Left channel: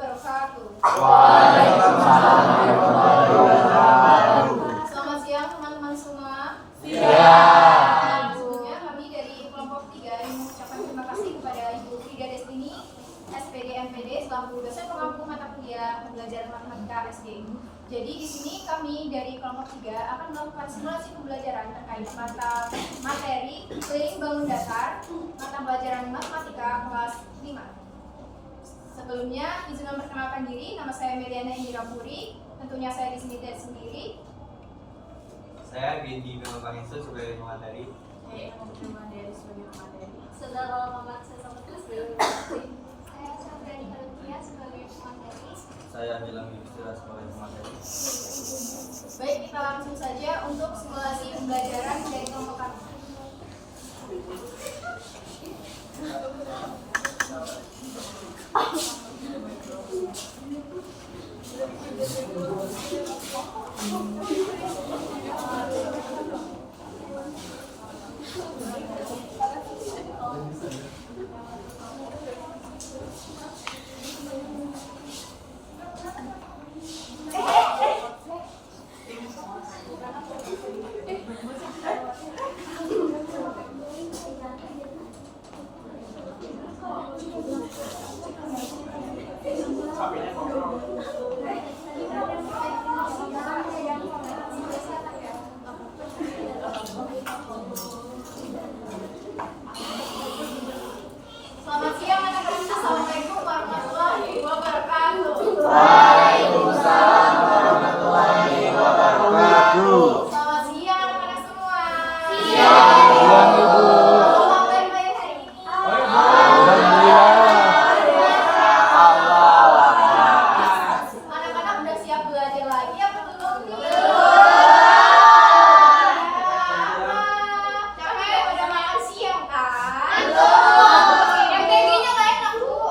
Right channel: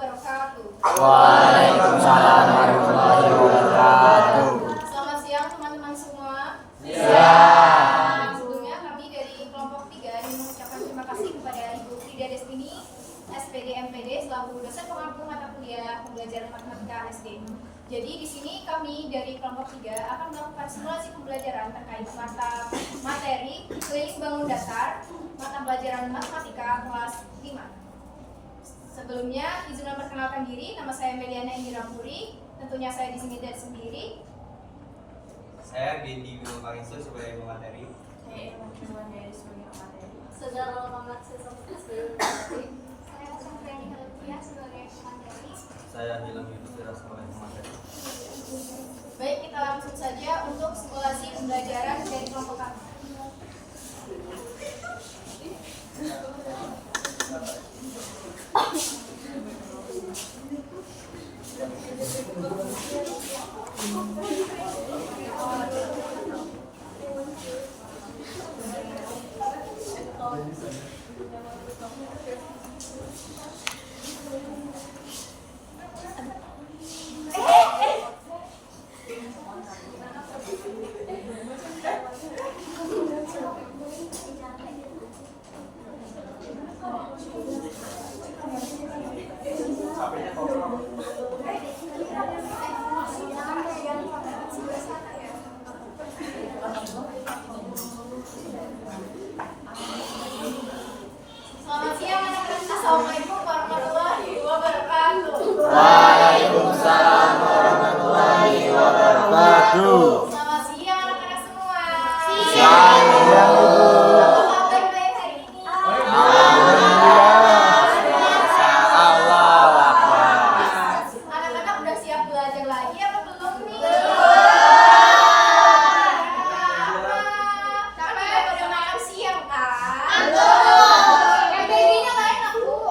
wabarakatuh. Waalaikumsalam warahmatullahi wabarakatuh. Selamat siang teman-teman semua. Siang. Sebelumnya kami dari kelompok 3 ingin mengucapkan terima kasih kepada Ibu Frida Destini, SPD MPD selaku dosen pengampu mata kuliah pembelajaran matematika SD. Jadi di sini kami dari kelompok 3 akan melakukan simulasi pembelajaran terkait mata materi keliling bangun datar, mata pelajaran matematika kelas 5. Sebelumnya izin memperkenalkan diri, nama saya Meliana Indira Puri. Tentunya saya di sini tidak sendiri. Saya Bindi Memangisu sebagai pemateri. Saya teman dari sebagai pemateri. Saudara Muhammad Sesomuti sebagai pemateri. Saya Sabrani Kalupia sebagai pemateri. Saya Angela Yudhistira sebagai pemateri. Baik, kita langsung saja untuk simulasi pembelajaran dari kelompok kami. Selamat siang anak-anak. Assalamualaikum warahmatullahi wabarakatuh. Waalaikumsalam warahmatullahi wabarakatuh. Selamat siang anak-anak semua. Siang, Ibu. Apa kabar baik hari ini? Anak-anak udah siap belajar lagi apa belum nih? Capek udah makan siang kan? Yang babynya nggak enak bu.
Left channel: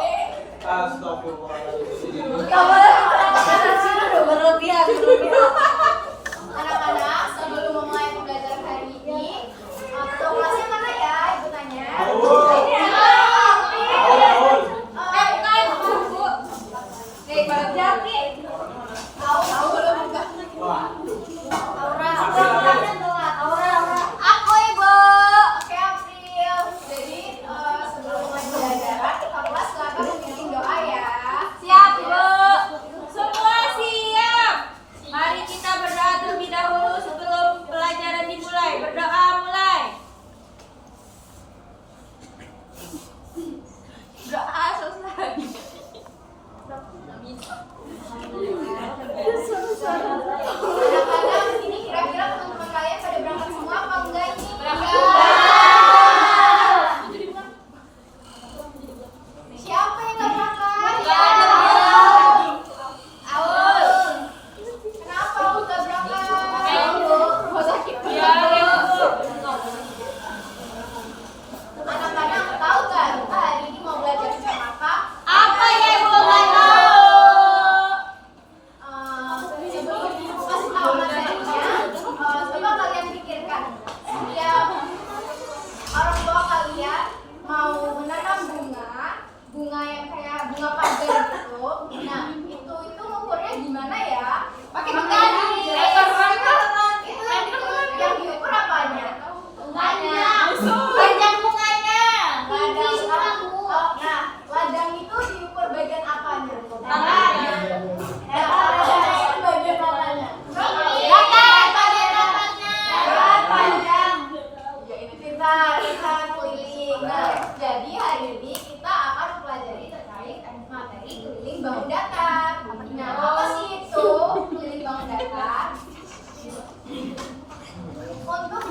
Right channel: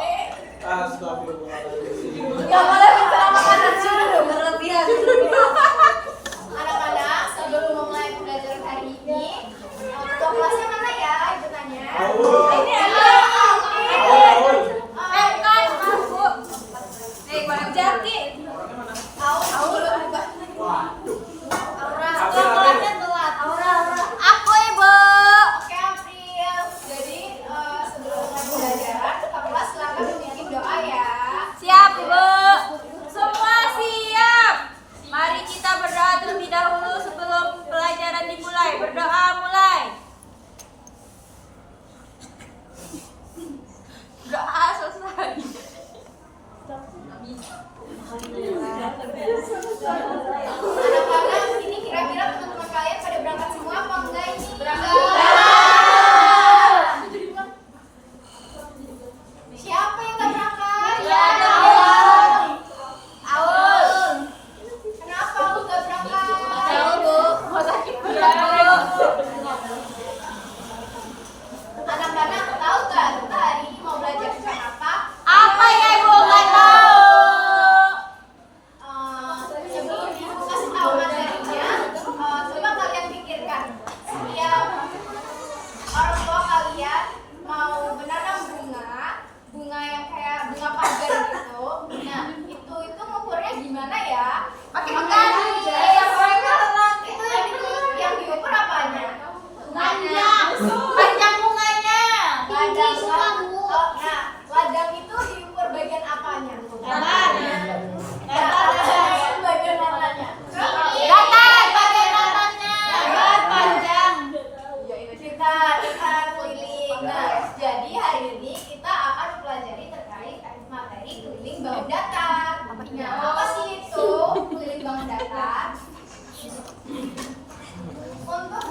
Anak-anak sebelum memulai pembelajaran hari ini, ketua kelasnya mana ya? Ibu tanya. Ini ada. Tahu belum juga. Aura. Aku Ibu. Oke April. Jadi sebelum mulai pembelajaran, ketua kelas silakan memimpin doa ya. Siap Bu. Semua siap. Mari kita berdoa terlebih dahulu sebelum pelajaran dimulai. Berdoa mulai. Doa selesai. Anak-anak, ini kira-kira teman-teman kalian pada berangkat semua apa enggak ini? Siapa yang nggak berangkat? Nggak ada. Aul. Kenapa Aul nggak berangkat? Oh, sakit. Anak-anak tahu nggak kita hari ini mau belajar tentang apa? Apa ya Ibu? Nggak tahu. Sebelum ibu kasih tahu materinya, coba kalian pikirkan. Setiap orang tua kalian mau menanam bunga yang kayak bunga pagar gitu. Nah, itu ngukurnya gimana ya? Pakai menggali. Itu yang diukur apanya? Bunganya. Panjang bunganya. Ladang. Nah, ladang itu diukur bagian apanya? Tangannya. Bagian mananya? Datar bagian datarnya. Panjang. Kita keliling. Nah, jadi hari ini kita akan mempelajari terkait materi keliling bangun datar. Nah, apa sih itu keliling bangun datar? Untuk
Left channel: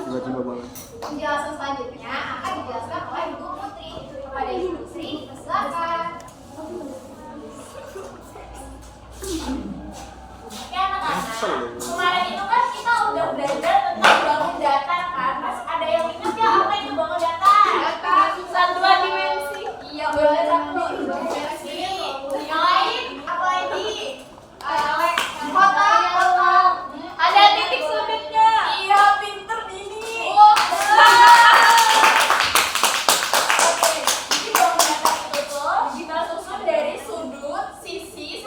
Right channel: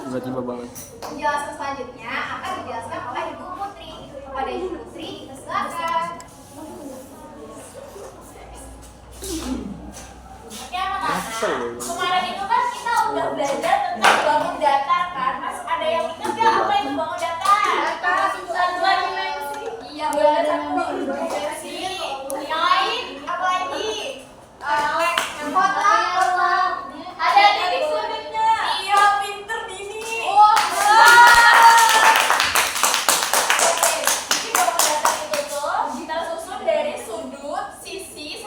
penjelasan selanjutnya akan dijelaskan oleh Ibu Putri. Kepada Ibu Putri, silakan. Oke anak-anak, kemarin itu kan kita udah belajar tentang bangun datar kan? Mas ada yang ingat nggak apa itu bangun datar? Satuan dimensi. Iya benar, satu dimensi. Yang lain apa lagi? Kotak. Ada titik sudutnya. Iya pinter Dini. Oke, jadi bangun datar itu tuh kita susun dari sudut, sisi,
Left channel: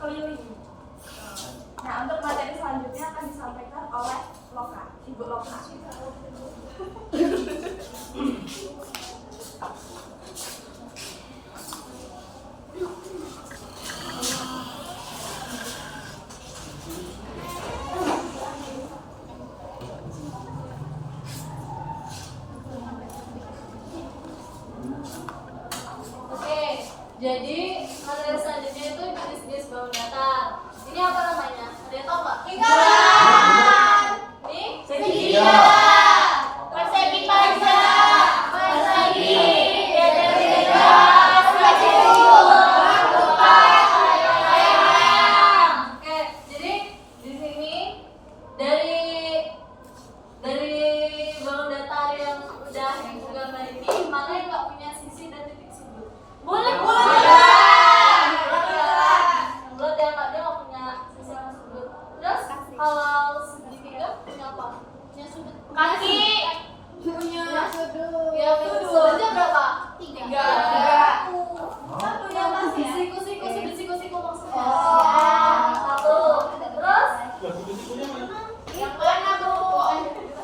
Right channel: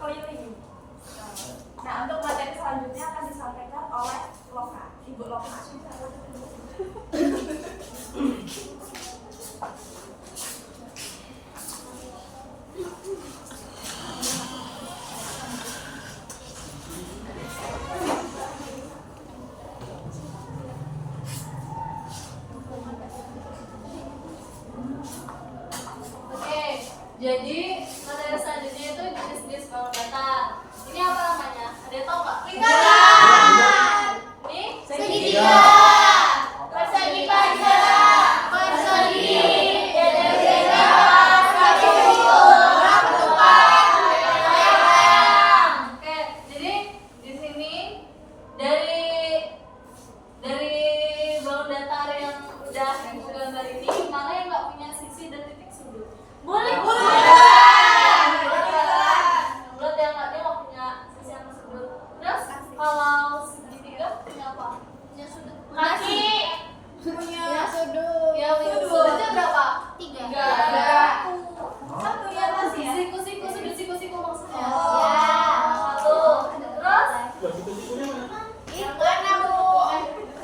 keliling. Nah, untuk materi selanjutnya akan disampaikan oleh Loka, Ibu Loka. Oke, jadi materi selanjutnya itu jenis-jenis bangun datar. Ini apa namanya? Ada yang tahu nggak? Lingkaran. Ini Segitiga. Persegi panjang. Persegi. Segitiga. Segitiga. Oke, jadi di sini dari bangun datar yang udah ibu gambar ini, mana yang nggak punya sisi dan titik sudut? Bulat. Bulat yang nggak punya sisi sama sudut. Terus kalau segitiga punya apa? Punya sudut. Kaki. Punya sudut. Ya, sudutnya berapa? 3. Satunya masih ya? Siku-siku, sudut-siku-siku maksudnya. Oh. Satu. Terus Yang mana, Bu?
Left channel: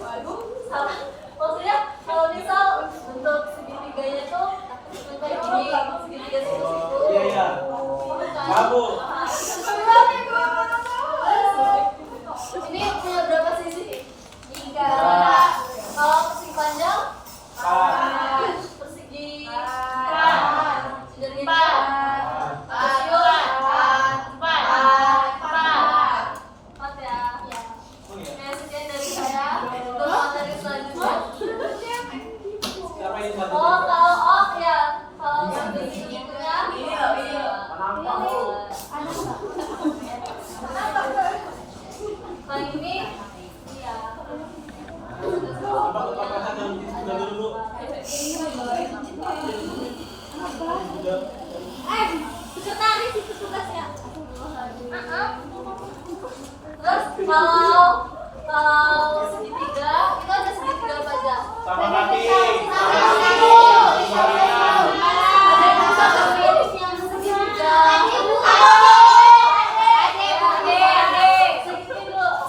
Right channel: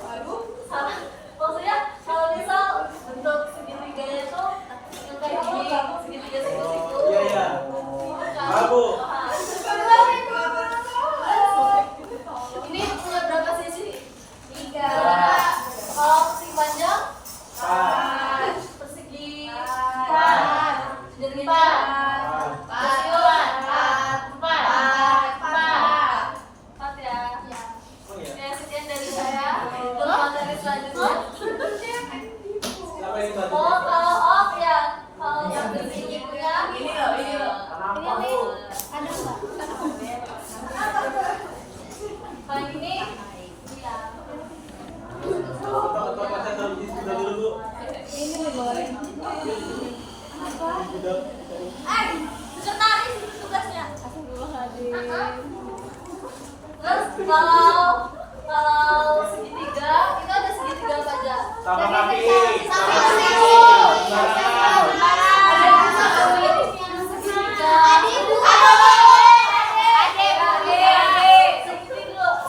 waduh, salah. Maksudnya kalau misal bentuk segitiganya tuh yang kayak gini, segitiga siku-siku. Iya. Bukan. Babu. Ini punya berapa sisi? 3. Kalau persegi panjang, 4. persegi Empat. segitiga, empat ya. Oh iya. Oke, sekian dari saya. Untuk materi selanjutnya. Siapa yang tadi? Kalau ya, kalau segitiga Ini loh, ini loh. Kenapa lu? kalau ini, iya. Coba baca dulu, Bu. Sekretaris itu tugasnya. Terus kalau segitiga, kita ada segitiga apa aja? Sama kaki. Ada yang sama mirip yang segitiga.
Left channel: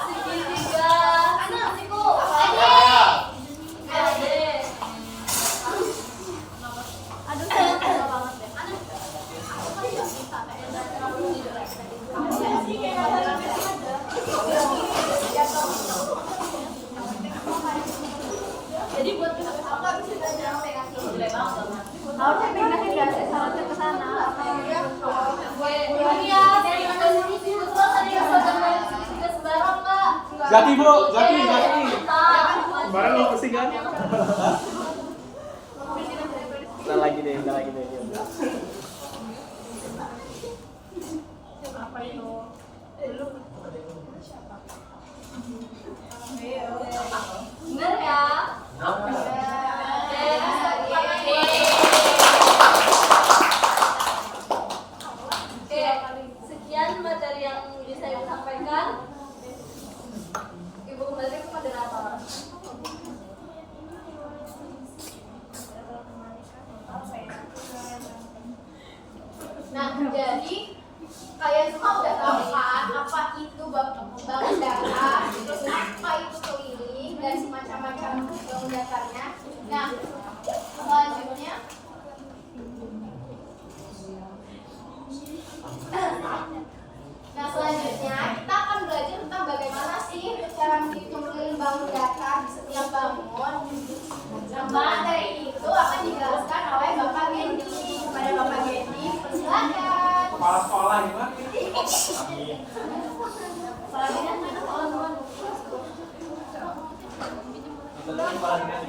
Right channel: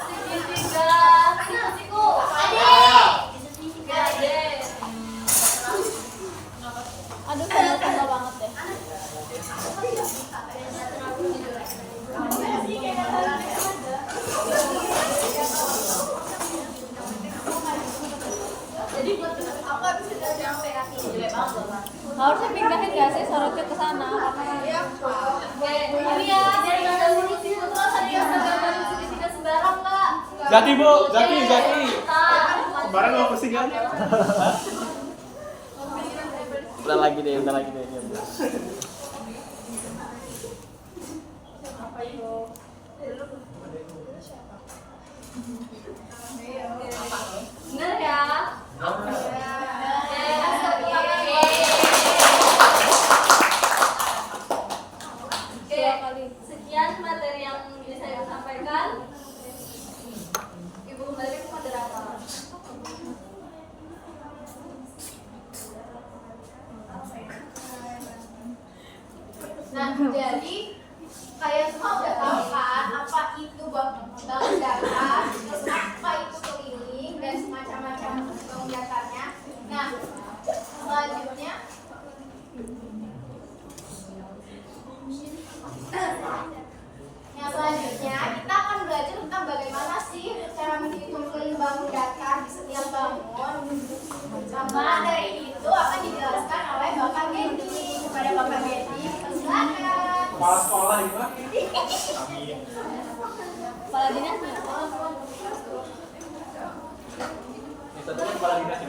Segitiga. Siku. Ade. Jadi buat kamu nggak bisa jalan sampai kaki. Harusnya pindahin nggak sih sorotnya ke sana? Oke, ini ya, jadi ada siku-siku terus ada yang gambar segitiga sembarang, Kak. Jati, Bu. Jati. Pak. Barang lo pusing kan? Udah lagi deh. Bener ya? Oke, sekian materi yang bisa ibu sampaikan. Ibu kembali ke moderator. Nah, jadi kalian semua udah tahu kan apa itu bangun datar, terus apa itu keliling dan semacam-macam bangun datarnya. Nah, selanjutnya kita akan belajar tentang bagaimana sih cara menghitung keliling bangun datar di setiap bangun. Nah, materi itu akan dijelaskan oleh Bapak Gendi. Kepada Bapak Gendi, persilakan. Kepala sekolah gimana? Kepala dinas nih, Itu tadi kepala dinas.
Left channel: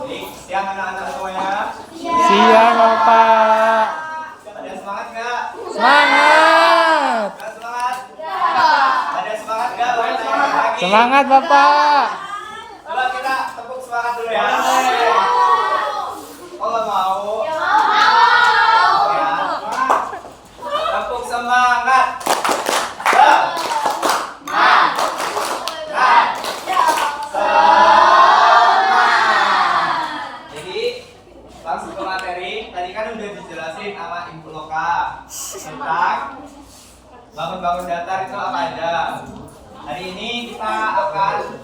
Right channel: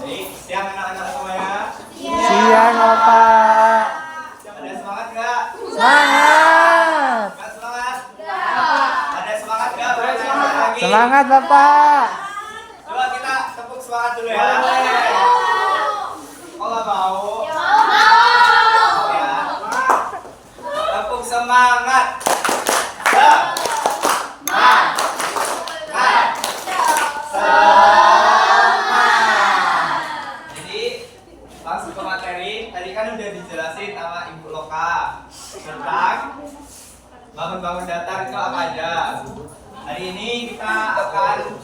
Baik, siang anak-anak semuanya. Siang, Bapak. Ada semangat nggak? Semangat. Nggak semangat? Ada semangat nggak? Boleh tanya lagi? Semangat, Bapak. Coba kita tepuk semangat dulu ya. Kalau mau, ya. Tepuk semangat. Jadi langsung ke materi. tadi kan udah dijelasin sama Ibu Loka tentang bangun-bangun datar itu apa aja. Hari ini kita akan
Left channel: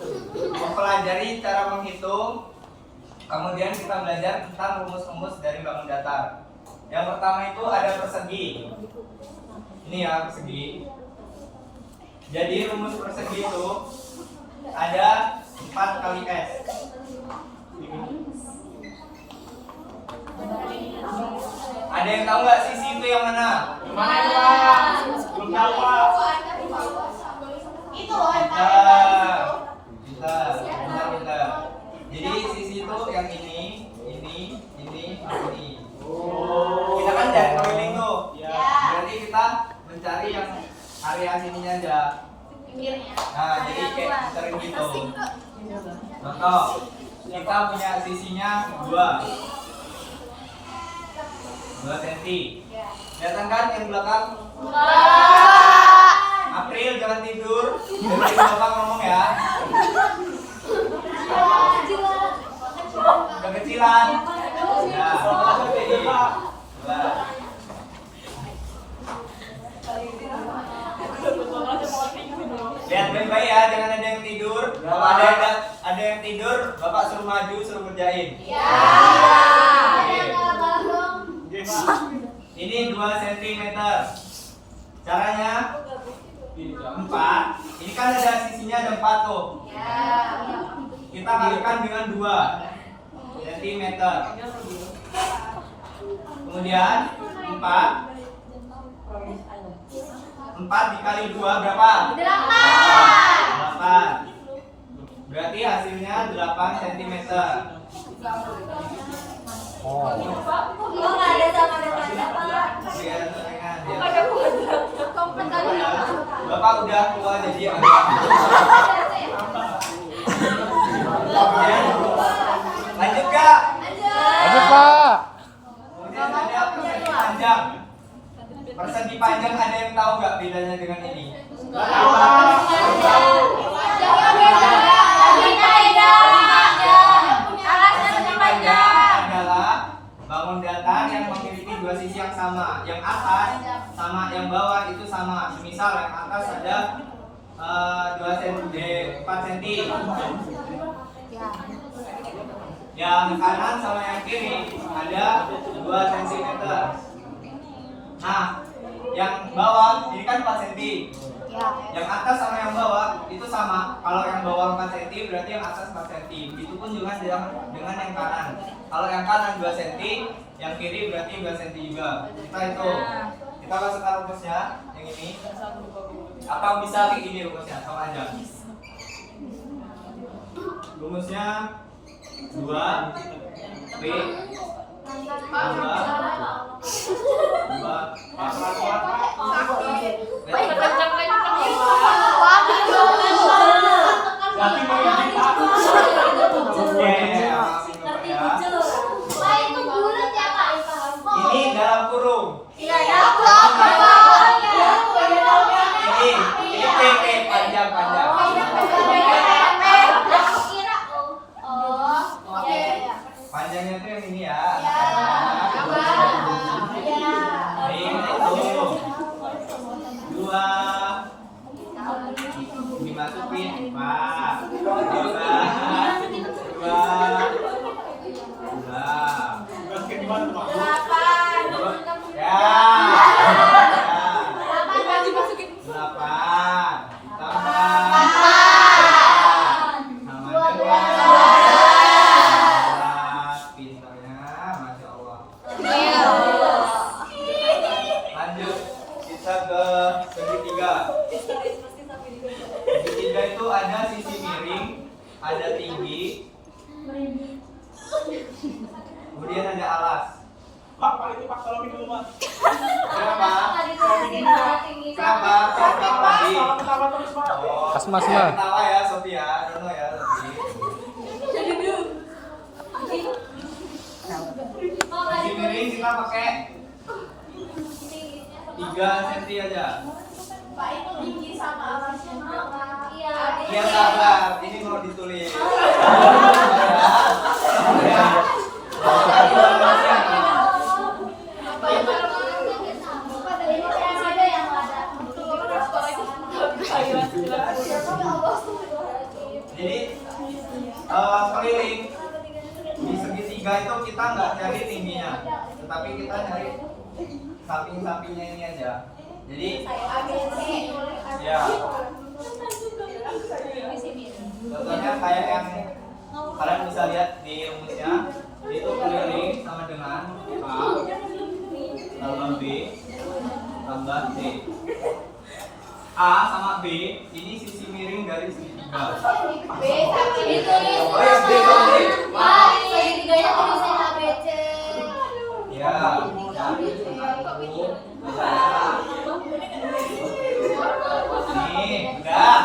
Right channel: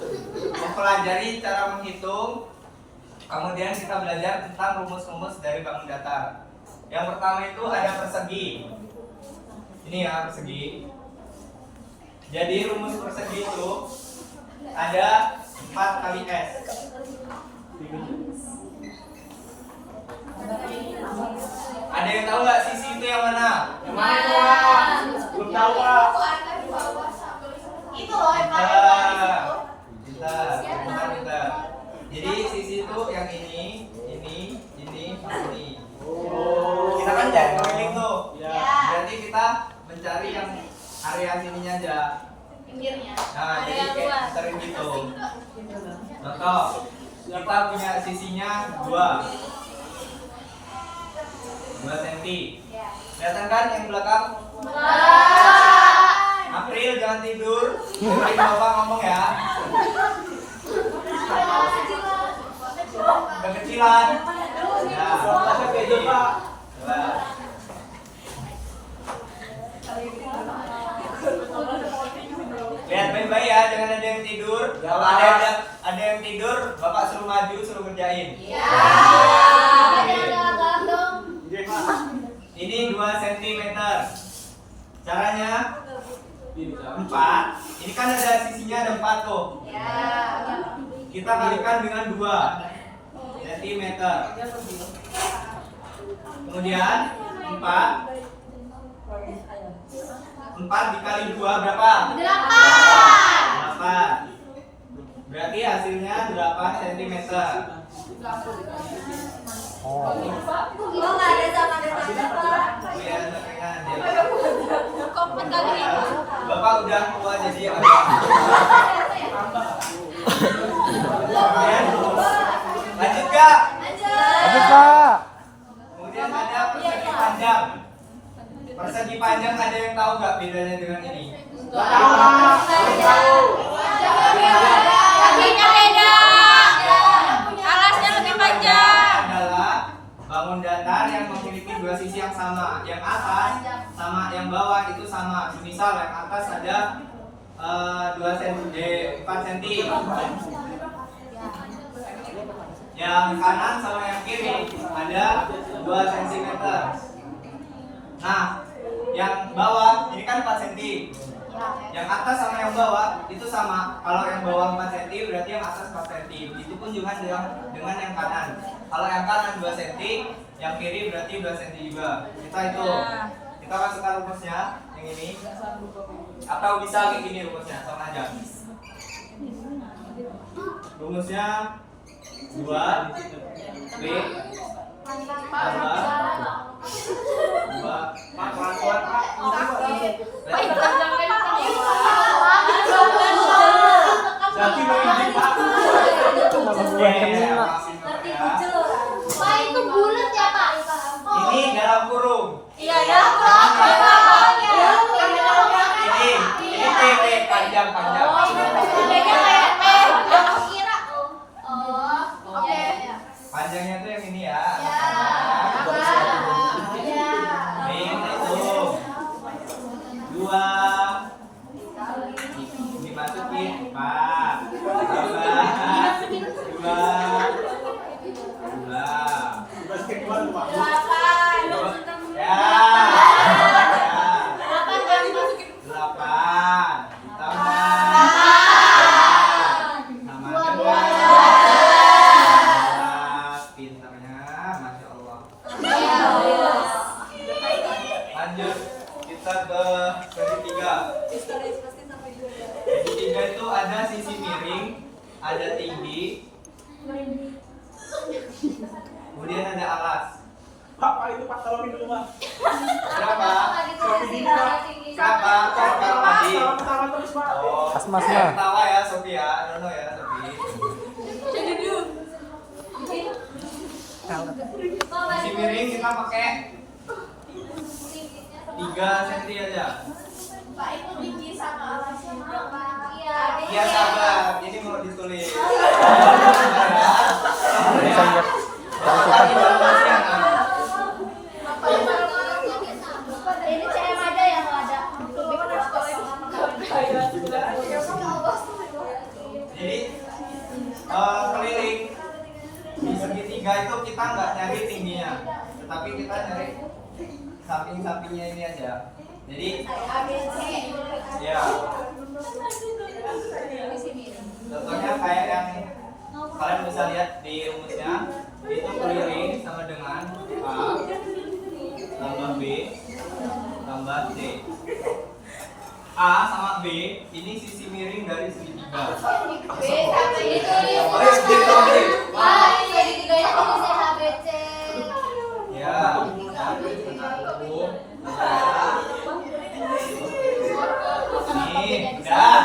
mempelajari cara menghitung, kemudian kita belajar tentang rumus-rumus dari bangun datar. Yang pertama itu ada persegi. Ini ya persegi. Jadi rumus persegi itu ada 4 kali S. Ada yang tahu nggak sisi itu yang mana? Yang mana Pak? Belum tahu Pak. Itu loh yang paling Bentar. Jadi sisi itu yang ini. Kita kan udah keliling tuh. Berarti kita mencari yang area sininya aja. pinggirnya. Nah, jadi kayak sering gitu. Contoh, kita punya sisinya 2 cm. Kelihatan kan yang belakang? April jangan tidur. Dengerin Bapak ngomong ya. Kekecilan. Ya, jadi lihat baik-baik ya, jangan ada yang tidur. Kalau ada yang tidur, Bapak suruh maju, suruh kerjain. Ini 2 cm. Caranya 4. Ini kan ada sisinya ada 4 tuh. Kita kalikan dengan 2 cm. Kemudian 4 dikali 2 berapa? 8. Berarti hasilnya 8 cm. Oh. Kok nggak ada sama dengannya Pak? Iya, dengan dia. Kompet kali ini. Bapak udah tua jadi agak. Kemudian lanjut Kak. Lanjut Pak. Kemudian ada persegi panjang. Persegi panjang ada yang tahu nggak bedanya dengan ini? Kakinya beda. Alasnya lebih panjang. Adalah bangun datar yang memiliki 2 sisi yang sama. Yang atas sama yang bawah itu sama. Misal yang atas ada 4 cm. Yang kanan sama yang kiri ada 2 cm. Nah, yang bawah ini kan 4 cm. Yang atas sama yang bawah itu sama. Kalau yang bawah 4 cm berarti yang atas 4 cm. Itu pun juga dengan yang kanan. Kalau yang kanan 2 cm, yang kiri berarti 2 cm juga. Kita hitung. Kita masukkan rumusnya yang ini. Apa bisa kayak gini rumusnya? Sama aja. Rumusnya 2 B tambah 2 Jadi mau izin Pak. Oke, maafin Bapak ya. Pak itu bulat ya Pak? Ini dalam kurung. Iya dalam kurung. Ini panjang. Panjangnya tuh yang ini ya. Ini itu 2 dimasukin 4 segitiga itu ada sisi miring, ada tinggi, kemudian ada alas. Pak, itu Pak tolongin dulu Pak. Kenapa? Kenapa? Tadi. Ketawa terus Pak. Oh, Asma. ketawa ya Sofi ya, Dono ya Sofi. Sisi miring kita pakai 3 cm aja. Pak itu tinggi sama alasnya berapa? Iya sabar, ini mau ditulis. Bisa lihat. Informasi yang kita nyari samping-sampingnya ini aja. Jadi ya contohnya kayak yang kalian bisa lihat di rumusnya, itu keliling sama dengan A tambah B tambah C. A sama B ini sisi miring dari segitiga. B sampai ditulis. Oh ya, B sama B. Wah, segitiganya tulisnya ABC. Ya, nih, udah.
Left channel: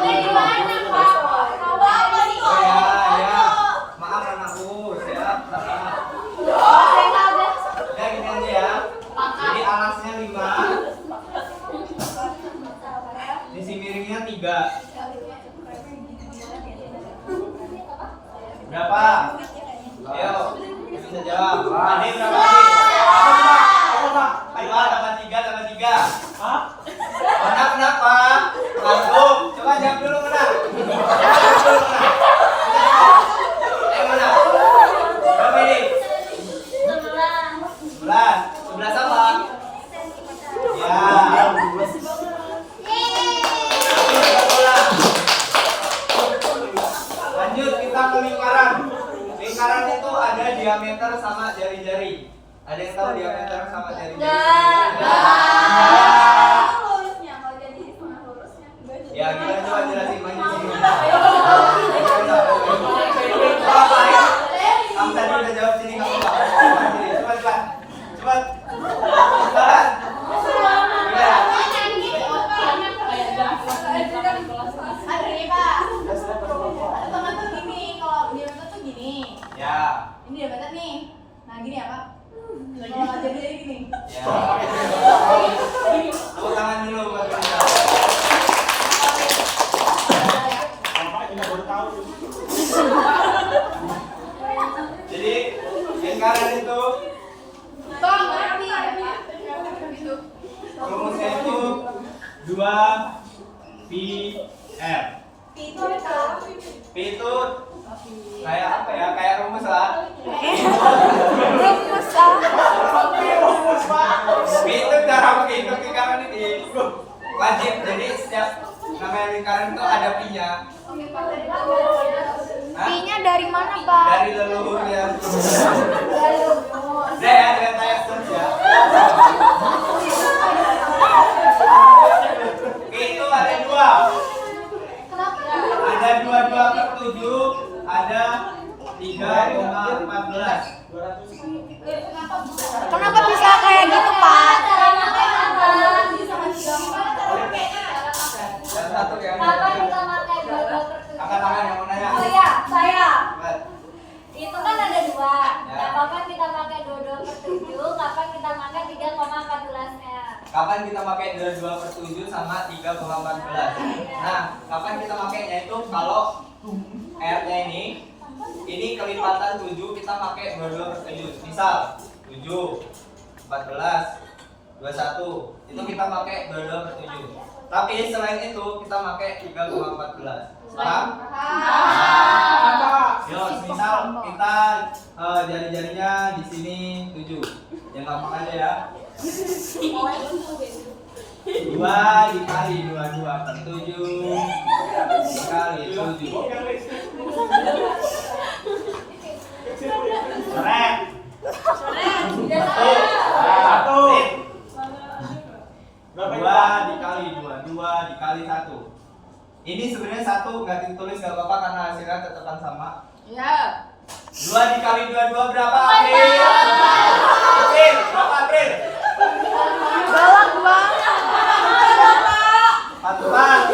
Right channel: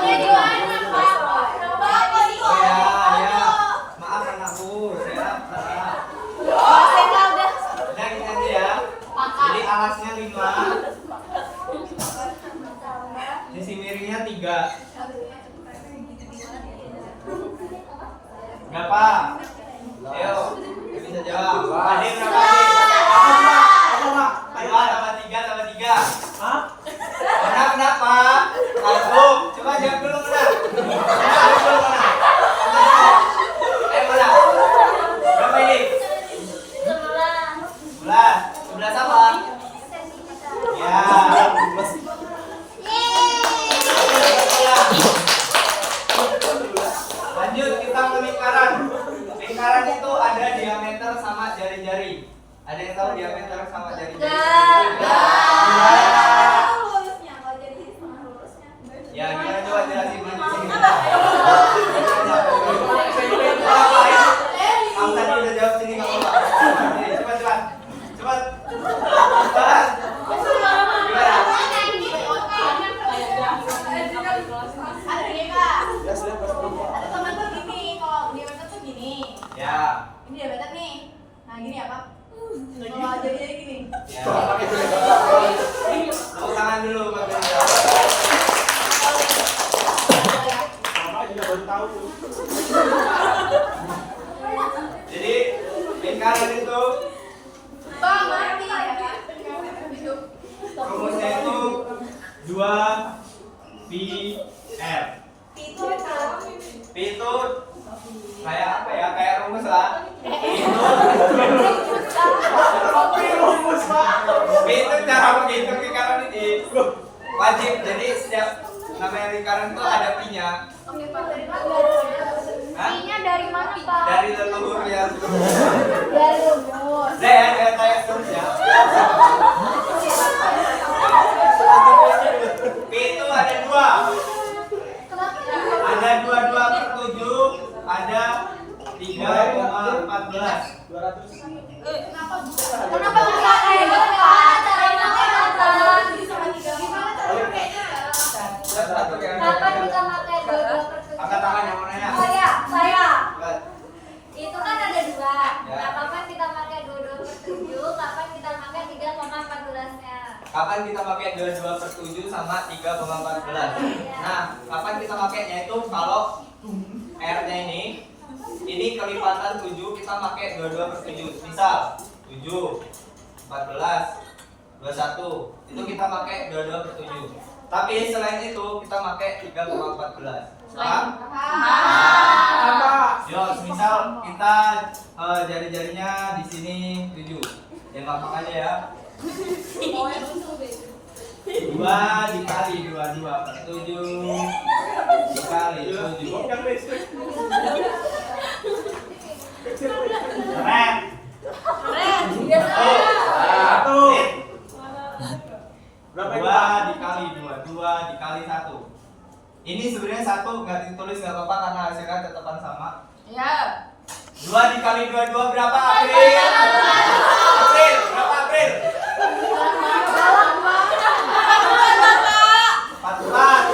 Ini di mana, Pak? Coba apa nih? Oh ya, ya. Maaf anakku, saya salah. Udah gini aja ya. Jadi alasnya 5. Sisi miringnya 3. Berapa? Ayo, yang bisa jawab. Ade berapa sih? Apa, Mak? 2 tambah 3 tambah 3. Hah? Mana kenapa? Langsung. Coba jawab dulu mana? Jawab dulu mana? Mana? Berapa ini? 11. 11 apa? Ya. Lanjut kita ke lingkaran. Lingkaran itu ada diameter sama jari-jari. Ada yang tahu diameter sama jari-jari? Lurusnya kalau jadi setengah lurusnya. Ya, kita coba jelasin di sini. Apa ya? Kamu tadi udah jawab sini kamu Pak. Cepat, cepat. Cepat. Cepat. Gimana? Ada nih Kak. Ada teman tuh gini, kalau diameter tuh gini. Ya. Ini diameter nih. Nah gini ya Pak. Kalau jadi gini. Ya. Tepuk tangan dulu buat kita. Bapak juga baru tahu tuh. Jadi lingkaran itu Bang, ngerti ya Pak? rumusnya itu 2 pi r. Itu apa? Pi itu kayak apa ya? Kayak rumus lah. Pi itu cara menghitung lingkaran ini wajib. Jadi setiap namanya lingkaran itu ada pi-nya. Oke Pak, dari mana? Hah? Pi-nya dari mana Pak? Dari leluhur ya. Dari umur. Nah ya, saya tanya terus ya. Pi itu ada 2. Kenapa? Ada 22/7, ada 3,14. 200. Kenapa bisa kayak gitu Pak? Caranya apa? Bisa Dan satu yang Kapan kita pakai 22/7? angkat tangan yang mau nanya. Saya. Lihat. Itu kan ada 2. Ya. Nah, kapan kita pakai 22/7? Kapan kita pakai 3,14-nya? Kapan kita pakai 22/7 sama 3,14? Nah, kapan kita pakainya itu kalau R-nya ini kelipatan 7, kita pakai 22/7. Misal 7, 14, 21, itu kita pakai 22/7. Tapi selain itu kita pakai 3,14. Paham? Apa? Yo, misal kita jari-jarinya di sini 7. Yang gampang aja ya. 2 dikali 22/7 dikali 7. Yang listrik. Keren. Satu. Sip. Berapa 2 dikali 2 dikali 1. Ini sebenarnya 1 nggak ditulis nggak apa-apa karena hasilnya tetapan sama. Ya. 2 dikali 22 berapa, April? April, berapa April? 44.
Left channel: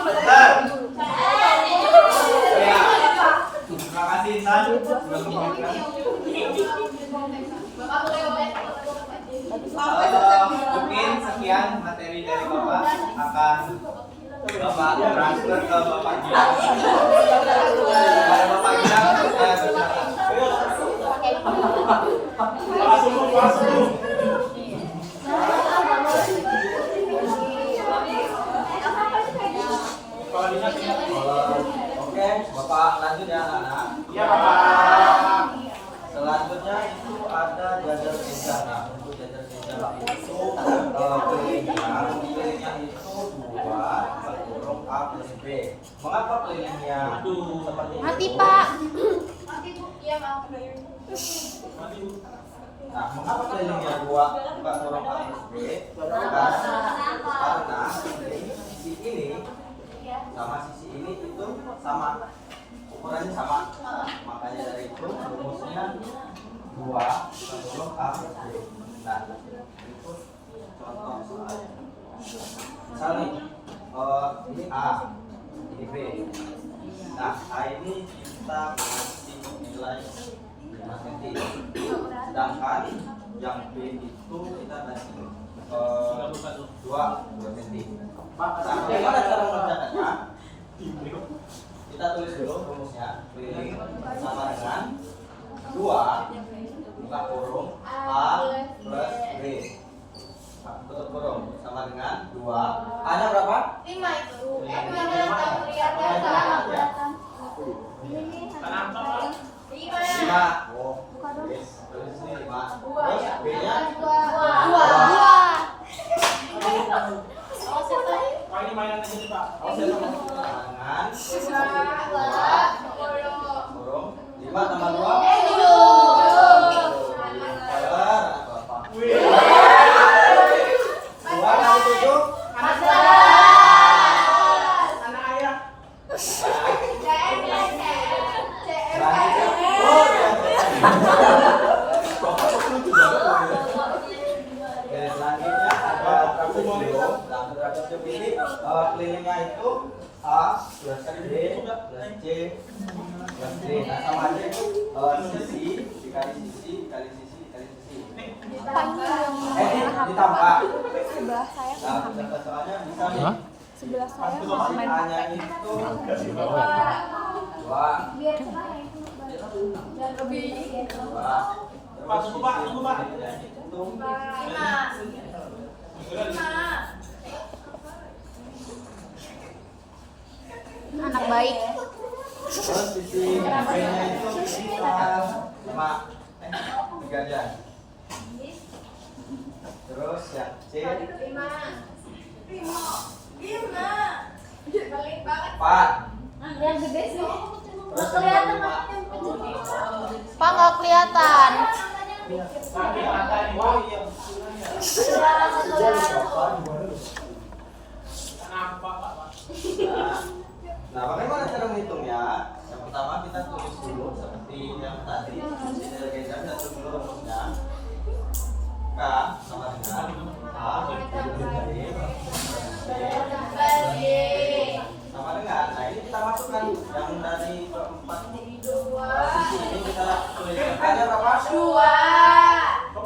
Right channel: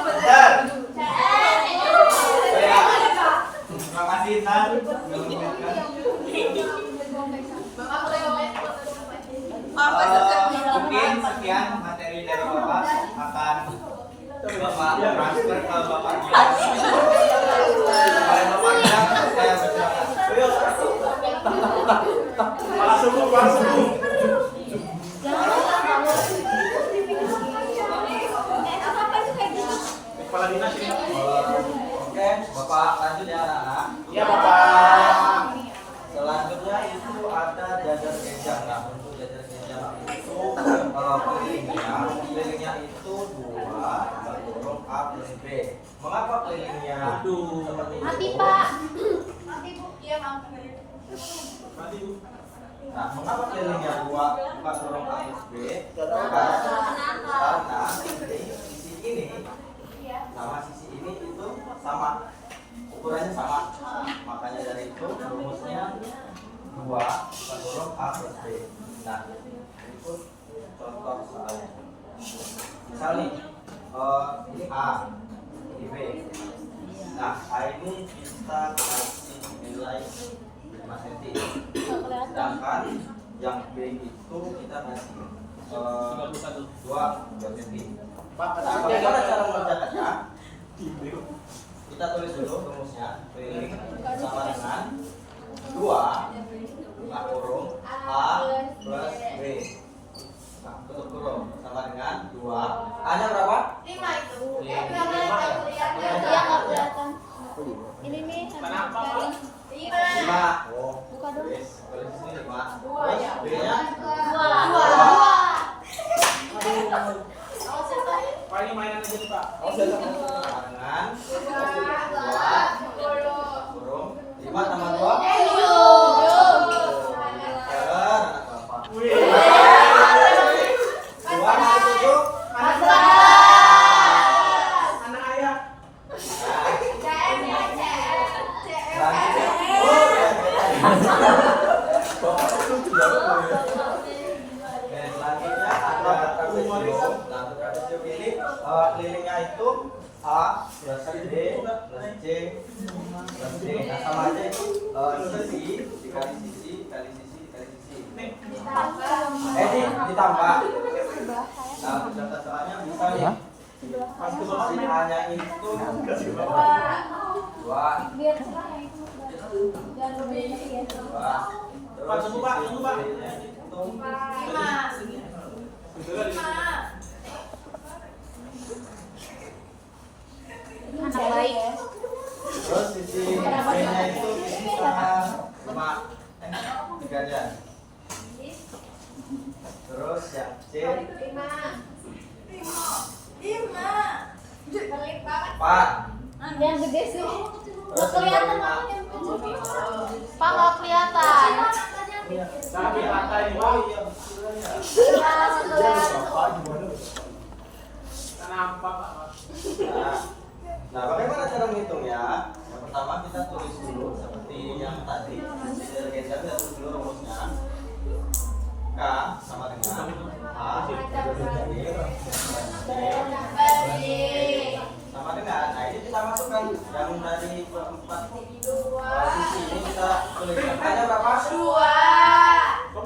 Bentar. Ya. Terima kasih Intan sudah mengingatkan. Mungkin sekian materi dari Bapak akan Bapak transfer ke Bapak Gia. Kepada Bapak Gia saya bersilakan. Para subuh, para subuh. Kepala dinas ini. Oke, Bapak lanjut ya anak-anak. Iya, Bapak. Selanjutnya itu ada jajar keja. Nah, untuk jajar keja itu kelilingnya itu 2 huruf A plus B. Mengapa kelilingnya seperti itu? Mati, Pak. Nanti Bu, iya Bang. Mati, Bu. Nah, mengapa kelilingnya 2 huruf A plus B? Karena sisi ini sama sisi ini itu sama, ukurannya sama. Makanya dari itu rumusnya 2 huruf A plus B. Nah, itu contoh soalnya. Misal nih, ini A, ini B. Nah, A ini kita kasih nilai 5 cm. Sedangkan yang B itu kita kasih 2 cm. Nah, bagaimana cara mengerjakannya? Kita tulis dulu rumusnya. Keliling sama dengan 2 buka kurung A plus B. Tutup kurung sama dengan 2. A-nya berapa? 5 itu. Lima. Yang tahu lihat ya, nggak kelihatan. Ini nih. Kenapa, Pak? 5. Oh, yes. Tulis di sini 5. Terus B-nya 2. Pak, ini mainan aja nih, Pak. Sama dengan 2 kurung 5 tambah 2. Wih. 2 kali 7. Anak ayah. Selanjutnya ada trapesium. Nah, untuk trapesium ini kelilingnya itu A plus B plus C plus D. Nah, sama aja itu sisi dikali sisi dikali sisi dikali sisi. Ditambah. Nah, contoh soalnya bisa nih. Sisi A-nya itu 2. Pak, tunggu, Pak, tunggu, Pak. Anak baik. Terus sisi B-nya itu sekitar 5 3-nya. Terus yang C 4. Yang gede sih. Terus yang 5. Pak nggak kelihatan. Tapi ada nih, Pak. Kenapa, Pak? Nah, bagaimana cara menghitungnya? Yang pertama kita tulis dulu seperti yang tadi. Jajar keja kita tulis dulu rumusnya. K sama dengan A sama dengan. Nah, ini kita masukkan yang dari keempat sisi ini kita tulis. K-nya berapa? 2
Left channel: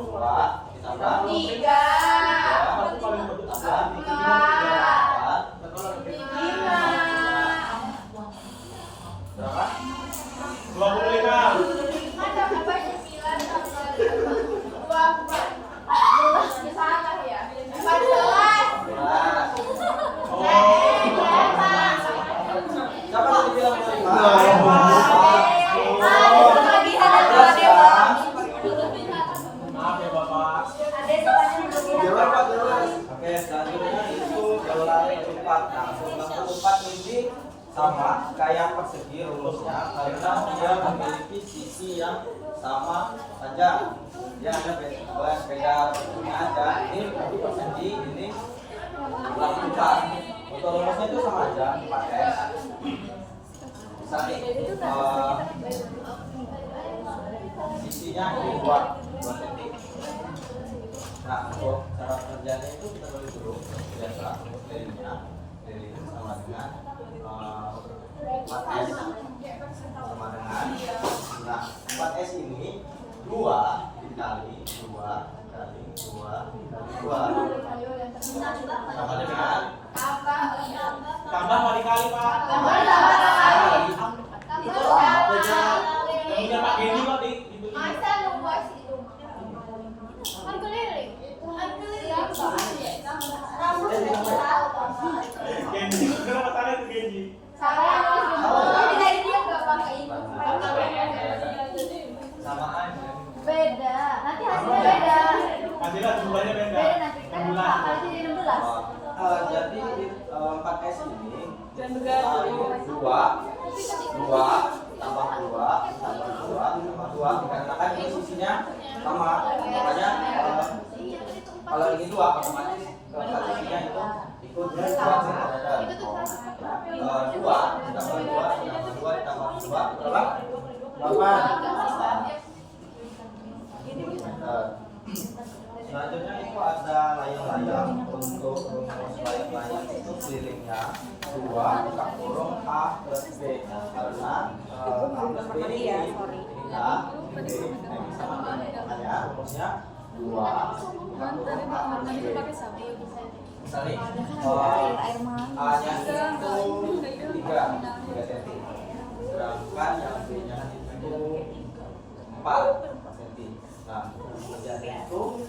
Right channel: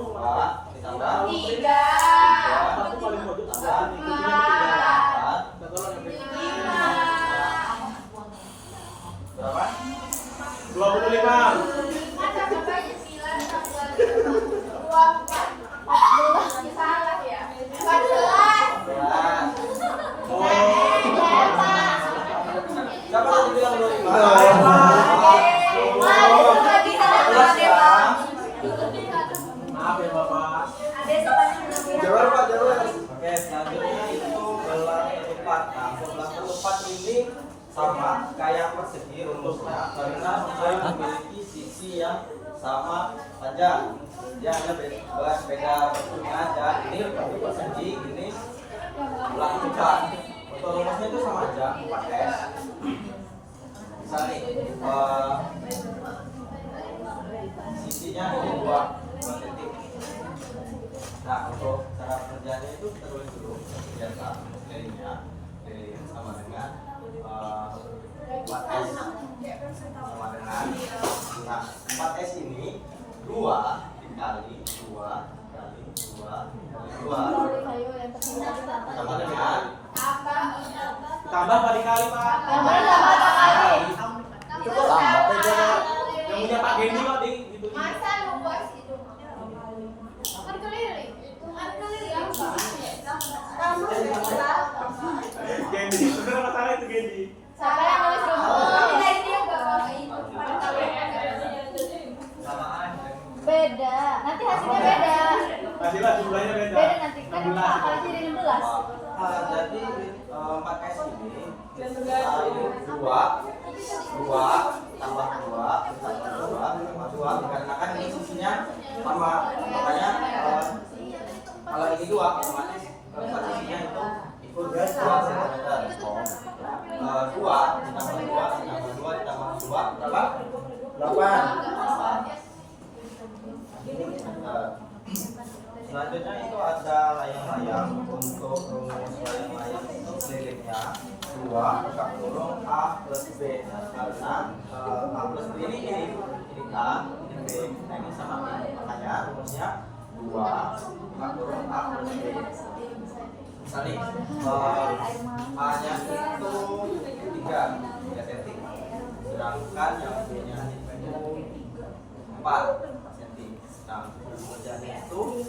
ditambah 3 Aku paling mau tambah 4 berapa? 25. Siapa tadi bilang 25? Maaf ya, Bapak. Jelas, Pak, jelas. Oke, selanjutnya itu gelar ketupat. Nah, gelar ketupat ini sama kayak persegi rumusnya karena dia memiliki sisi yang sama panjang. Dia hanya beda bentuknya aja. Ini untuk persegi, ini gelar ketupat. Untuk rumusnya itu sama aja 4S. Bisa nih, sisinya ini 2 titik. Nah, untuk cara pekerjaannya itu kita tulis dulu biasa kelilingnya sama dengan 4S sama dengan. Nah, 4S ini 2 dikali 2 kali 2 kali 2 sama dengan Tambah apa dikali, Pak? itu tambah aja. Yang punya Pak Geni kok di itu. Masa luas itu? Kan keliling. Geni, kenapa salah itu Geni? Saya nulis dari dia nggak pakai itu. Pastilah jumlahnya beda. Beda nanti kan 16. akan jadi 16. Jadi 4S ini ini 2 tambah 2 dikarenakan ini sisinya sama, makanya kalau ini 2 otomatis keempat sisinya itu ikut 2 cm. 2 ditambah 2 ditambah 2 berapa? 8 cm. Selanjutnya itu ada layang-layang. Untuk rumus layang-layang itu kelilingnya 2 buka kurung A plus B, karena A plus B ini A, ini B, nah ini sama ini, makanya rumusnya 2 buka kurung A plus B. Misalnya A nya itu 3 cm, sedangkan yang B nya itu 4 cm. Nah, kemudian itu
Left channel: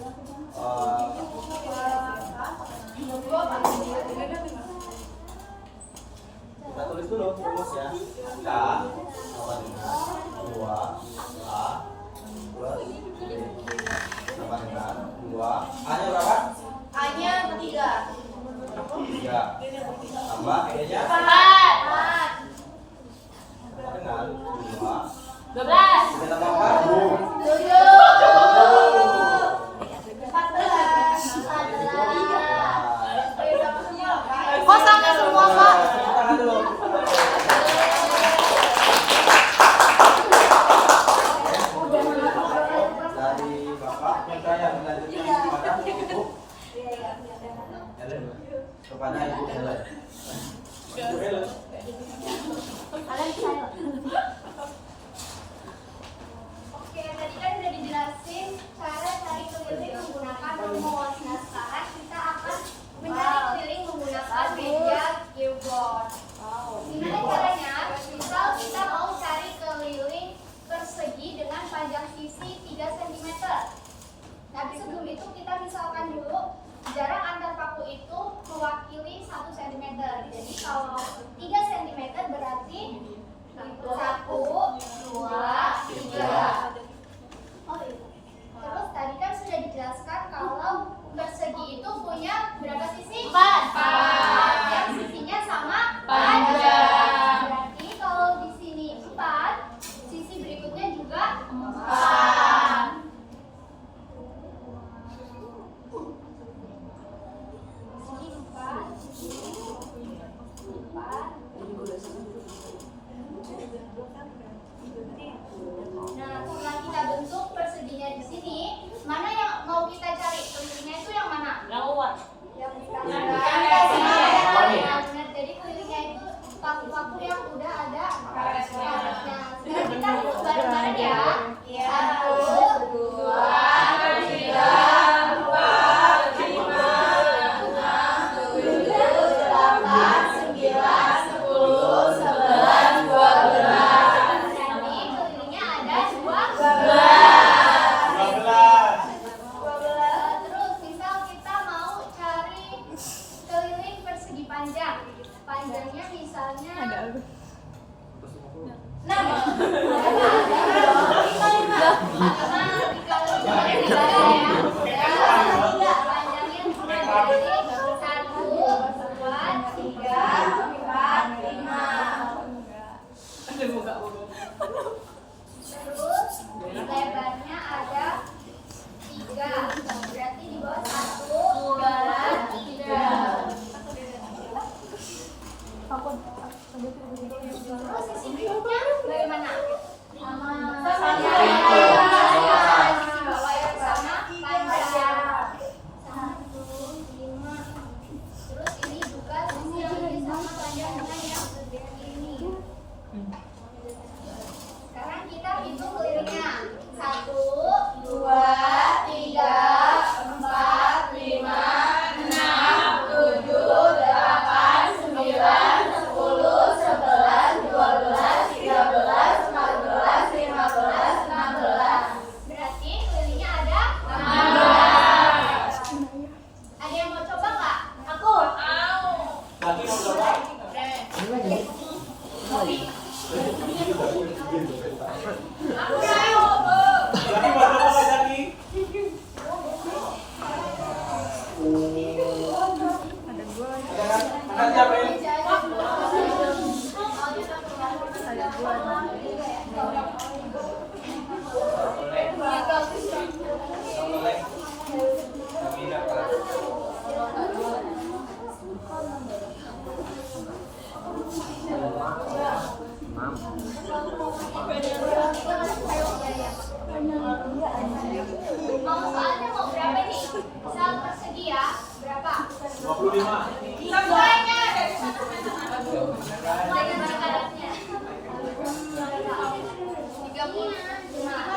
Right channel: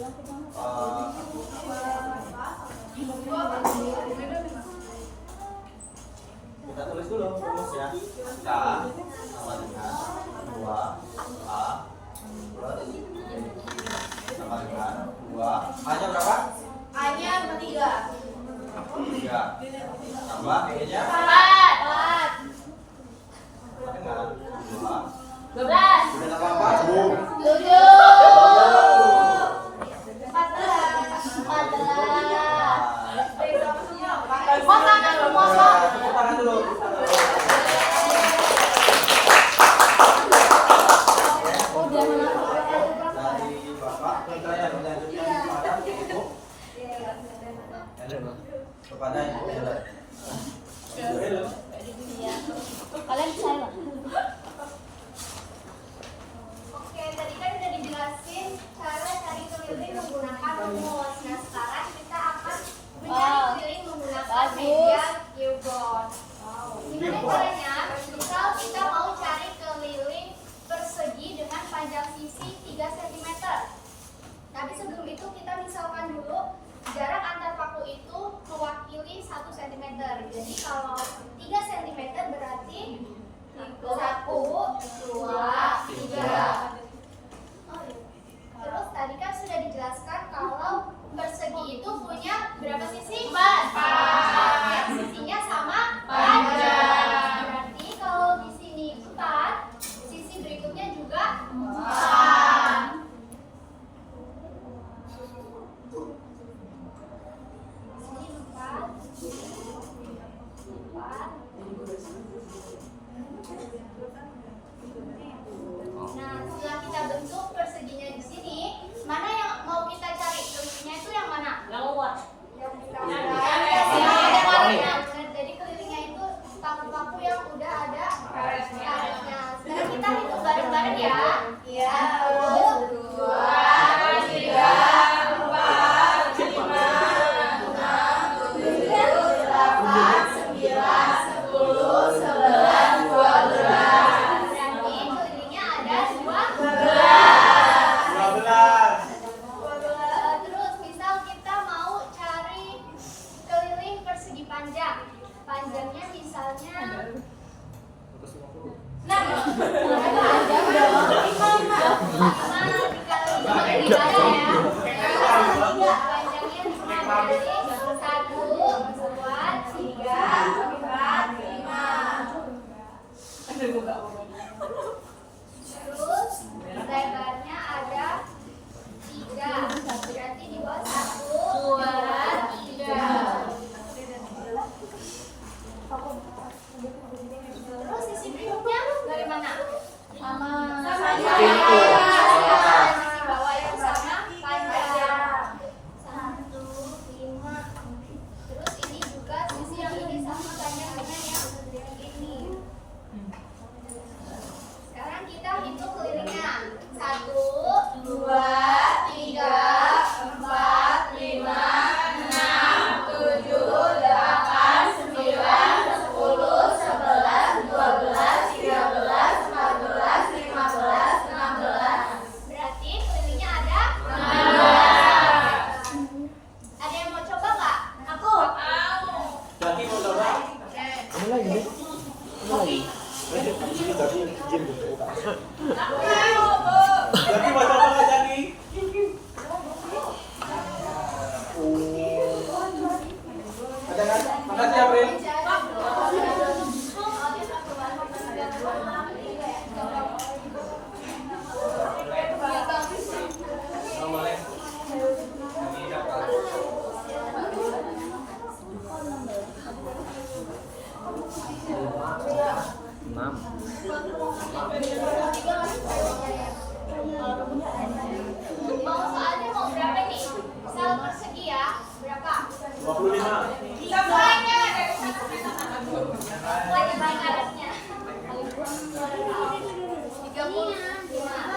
kita tulis dulu rumusnya. K sama dengan 2A plus B sama dengan 2. A-nya berapa? A-nya 3. 3 tambah B-nya 4 sama dengan 2. 12 Kita tambah 4. 14 kepada Ibu Ellen. Oke, tadi kan udah dijelasin cara cari keliling menggunakan rumus. Nah, sekarang kita akan mencari keliling menggunakan media geoboard. Gimana caranya? Misal kita mau cari keliling persegi dengan panjang sisi 3 cm. Tapi sebelum itu kita misalkan dulu jarak antar paku itu mewakili 1 cm. Jadi kalau 3 cm berarti 1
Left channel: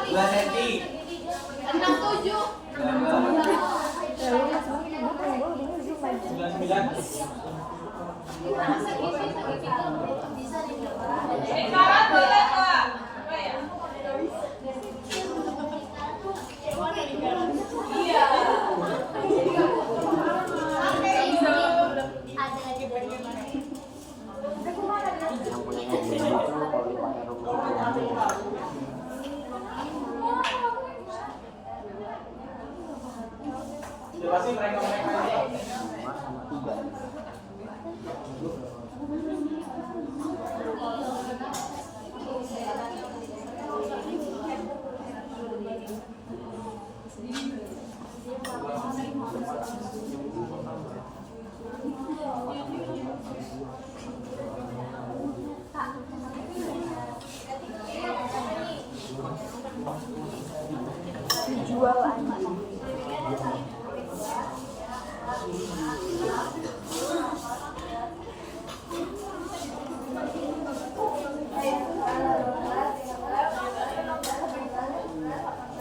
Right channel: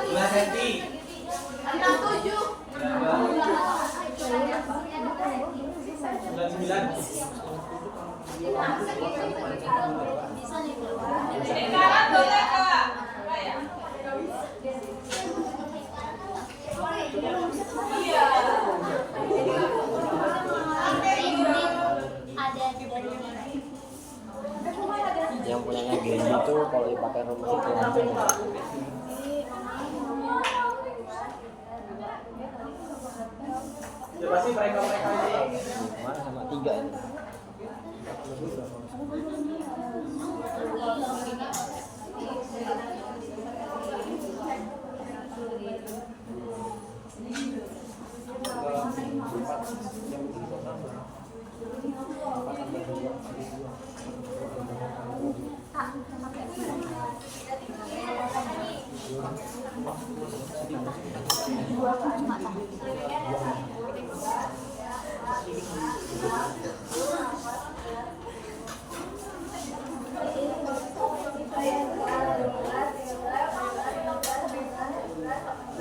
2 cm. 67. 99. Sekarang boleh Kak. Apa ya? Iya. Yang punya gini itu kalau dipakai rumus itu Ya pasti mereka ini. sama 3 ini.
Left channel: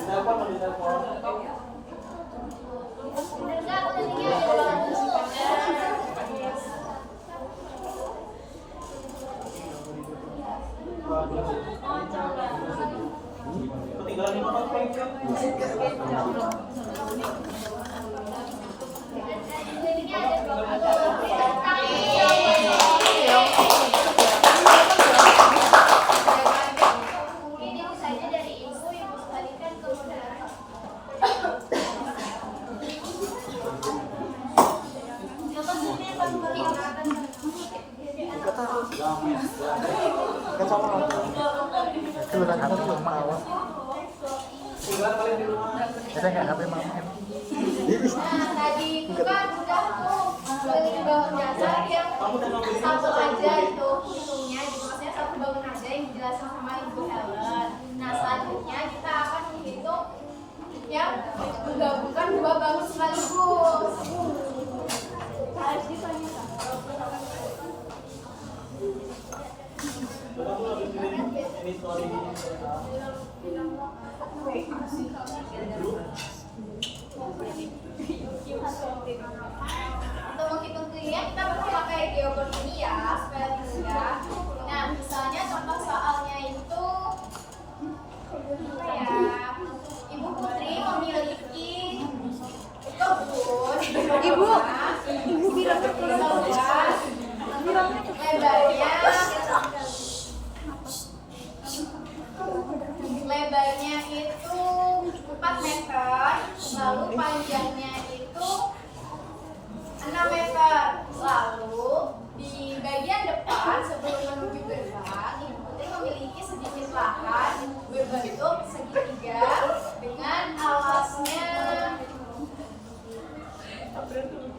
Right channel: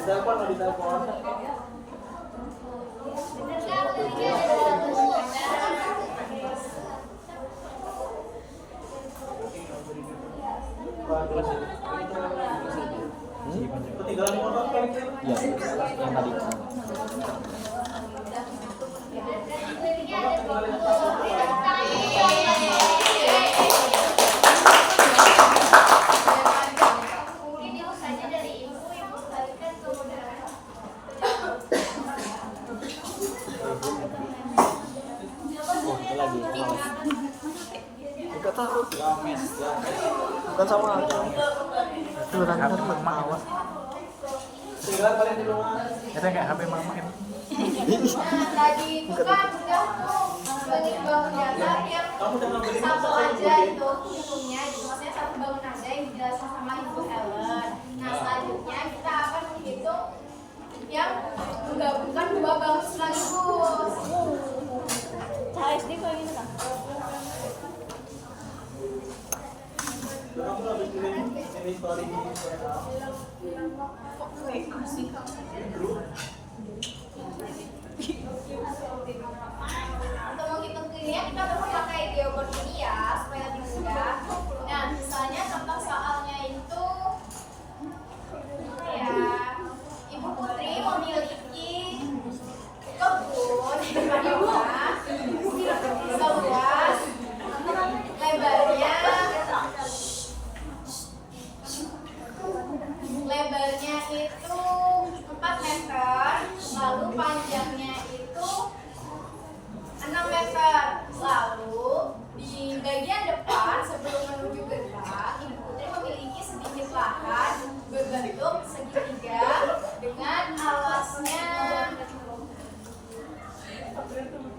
Telepon mau ditelepon. Bener Kak, tadinya ada 20. Ketinggalan di motor Peng. Tadinya ada 20. Mungkin ibu saja dari ibu kembalikan ke moderator. Kan sama Itu HP mama itu. Tinggal kalian di rumah. Itu kayak HP mama itu. Nah, tadi itu kan udah tuh klinik bangun dasar yang satu aja itu hitungnya gitu, maksudnya satu bangun aja yang dijelaskan sama Ibu Helen. Nah, selanjutnya kita akan menghitung yang menggabungkan dua bangun sekaligus. ASD paling Kamu habis kirim ini story di Untuk menghitung kliniknya kita perlu pakai geoboard ini ya supaya lebih mudah. Nah, misalnya contoh soalnya itu apa ya? Ibu Putri memiliki kebun di depan rumah seluas lebarnya itu 4 meter, lalu panjangnya itu 6 meter. Lalu di bagian depan sebelum menuju gerbang, Ibu Putri memiliki sedikit lahan berbentuk segitiga dengan alasnya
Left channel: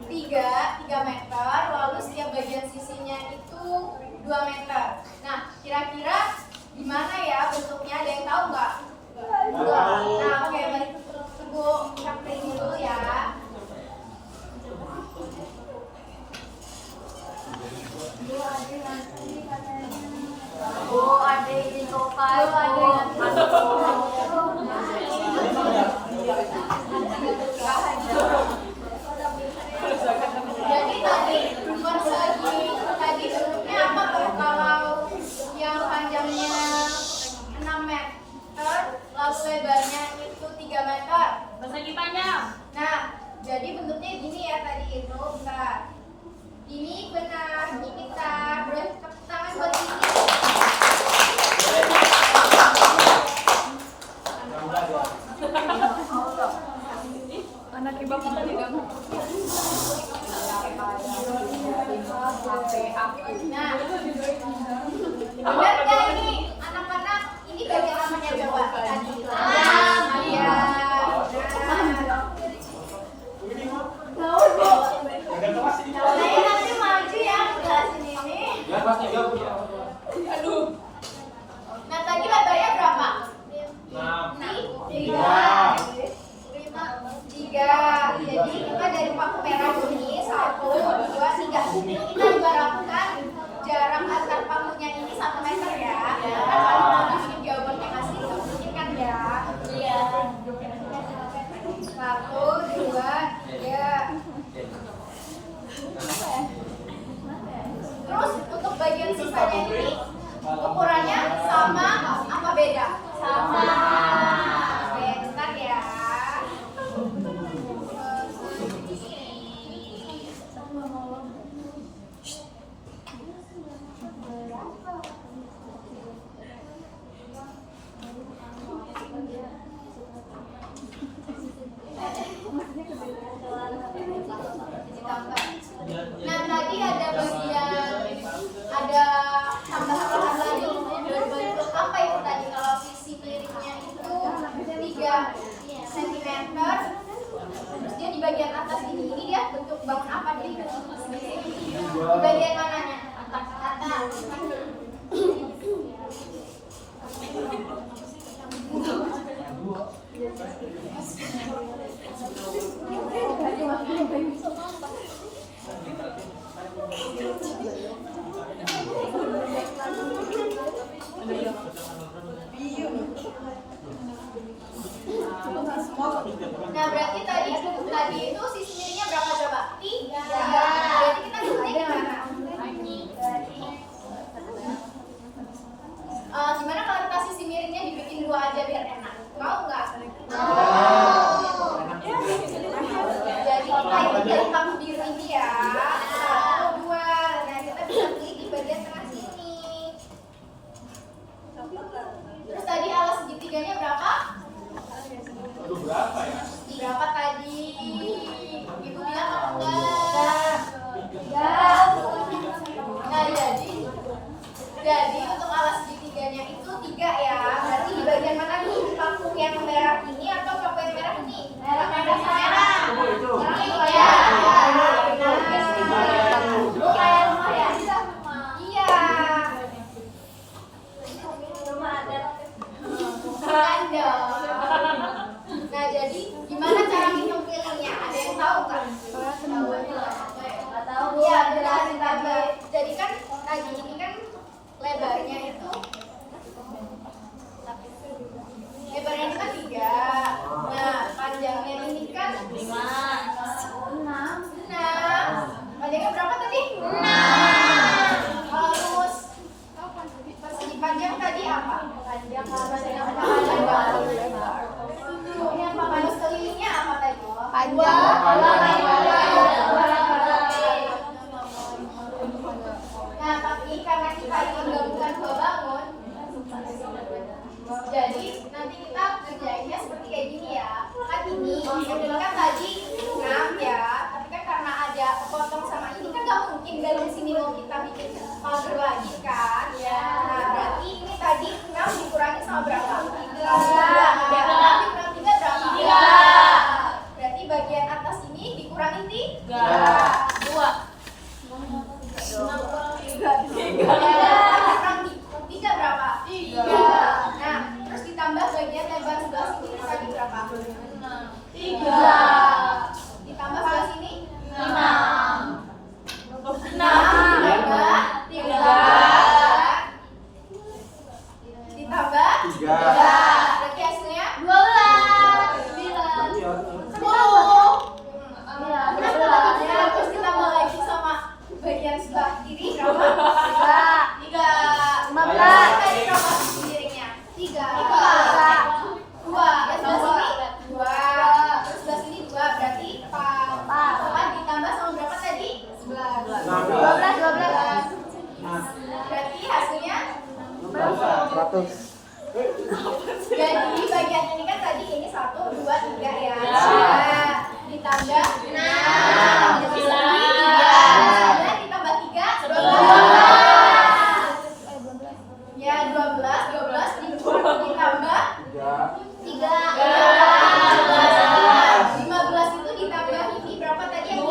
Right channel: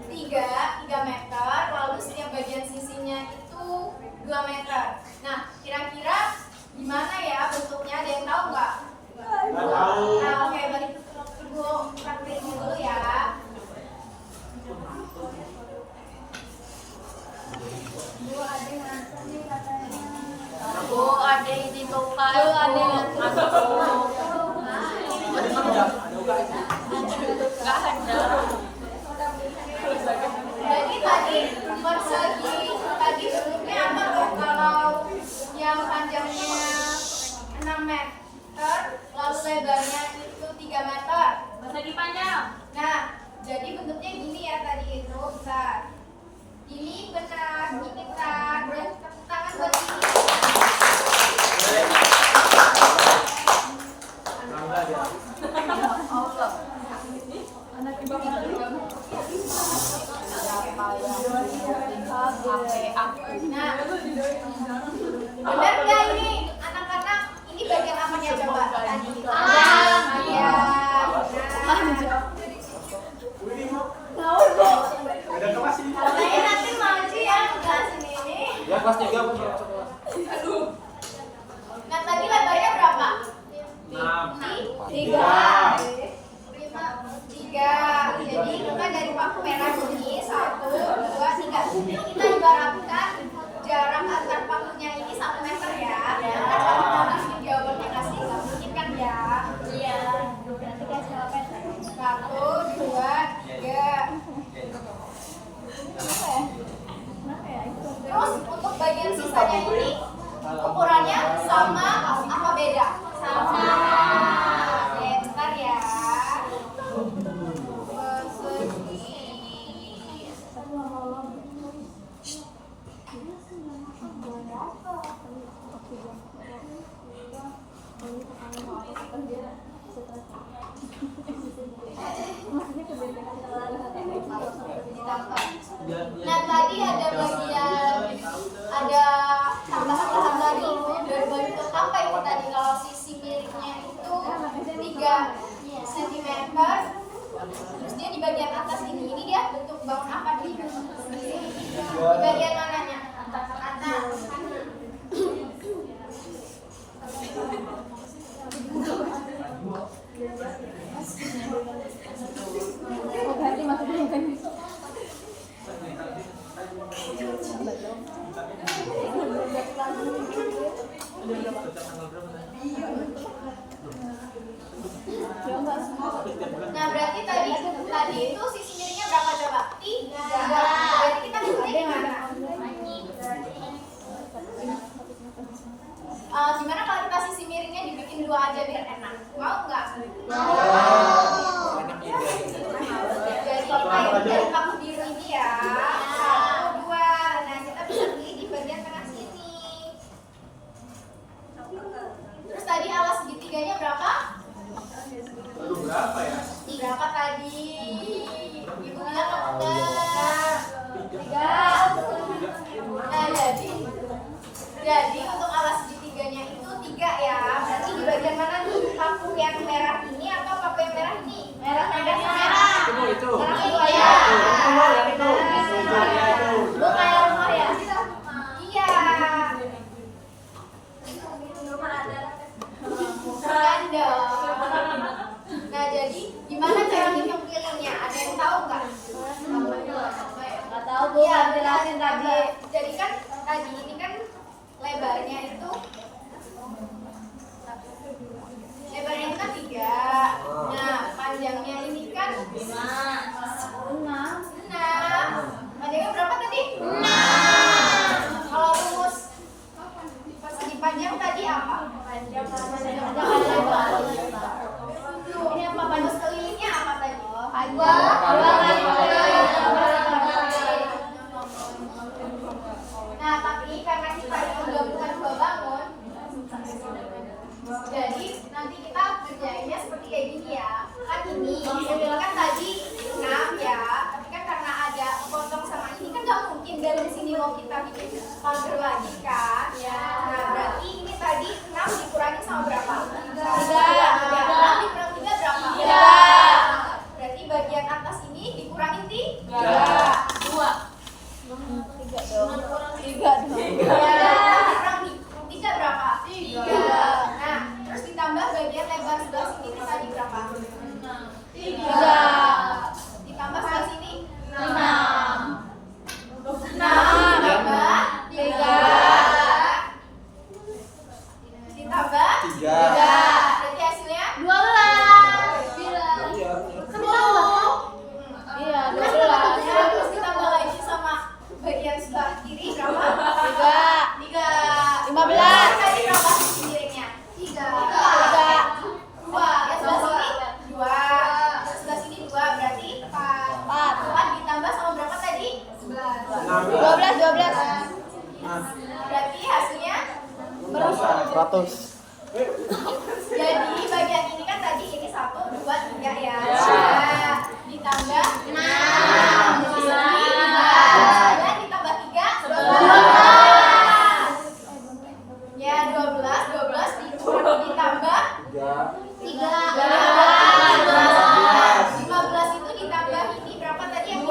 3 meter, lalu setiap bagian sisinya itu 2 meter. Nah, kira-kira gimana ya bentuknya? Ada yang tahu nggak? Nggak tahu. Nah, oke, balik Ibu praktekin dulu ya. Bu, ada ini total. Lalu ada yang Jadi tadi persegi tadi bentuknya apa tuh? Kalau yang panjangnya 6 meter, lalu lebarnya itu 3 meter. Persegi panjang. Nah, jadi bentuknya gini ya tadi itu, bentar. Ini benar, ini tak. Terus tepuk tangan buat ini. Bangga dia. anak ibu kita tidak mau. Nah, benar nggak ini anak-anak? Ini bagian apanya coba tadi? Iya. Ini mah. Ada kelas ini. Saya nanti maju ya ke kelas ini. Ya kelas 3 punya. Nah, tadi lebarnya berapa? 3. Jadi kita dari paku merah ini 1, 2, 3. Ini kita ibaratkan jarak antar pakunya ini 1 meter ya. Karena kalau mau bikin jawabannya kasih nggak mungkin kan ya. Nah tadi ada tambahan lagi berbentuk apa itu tadi? Kalau sisi miringnya itu 3 cm, terus dia di bagian atas ini dia bentuk bangun apa nih? Di bagian mananya? Atas. Nah berarti tadi itu sisi miringnya berapa coba? 3. Berarti kita hitungnya gimana? Gimana kalau kita sisi miringnya dibikin 2 aja biar enak? Mau nggak? Jadi kita hitung dari paku biru ini ya. 1, 2. Nah kita bisa pilih di bagian tengah sini. Terus tadi alas segitiganya berapa? Aduh, berapa ya? Berapa tadi? Ibu bilang apa enggak? 3. Nah jadi untuk alas segitiganya itu 3 ya. Berarti di bagian mana nih? Paku yang merah ini atau paku yang merah ini? Merah. Merah itu ya. Lu kayak rumah ya? Iya. Bukan dong. Nah jadi gimana cara ngitung pilihnya? Ada yang tahu nggak? Iya benar tadi. Jadi kan tadi ini kan lebarnya itu 3. Nah panjangnya ini kan 5. Panjangnya berapa tadi? 6. Kalau rumus persegi panjang tadi apa? Panjang ini apa? Rumus kelilingnya apa tadi? 2. Nah tapi karena kita itu gabungan 2 bangun, jadi nanti kita kerjainnya seperti kayak gini ya. Kan ini kan tadi 6 ya, tapi kan karena ada potong sama ini kan gak mungkin dalam sini mau kita bikin pagar lagi kan. Nah berarti ini tadi 6 dikurangi sama berapa? 3. Dikurang 3 berapa? 3. Berarti bagian atas ini dikurangin 3. 2. Kurang 3 berapa? 3. Nah, terus ditambah bagian lebar sebelah sini tadi berapa? 3. Ditambah sebelah sini 6. 6 ditambah 3. Ditambah 3. Berarti hasilnya 12. 10. Iya, 12. Terus ditambah lagi sama bagian sebelah kiri berapa? 3. 15. Tadi berapa sisi miringnya? 3. 2. Ya sebelah sini 2. Terus sebelah sini 2 berarti 4 ditambah sama berapa tadi? 11. 12. Berarti hasilnya berapa? 100. Jadi bagian ini kan tadi ini 1, 2, 3 ya. Nah, ditambah 6. Jadi 9 ditambah 3 12. Ya 12 ditambah 3. 15 itu ditambah ini berapa tadi yang 2.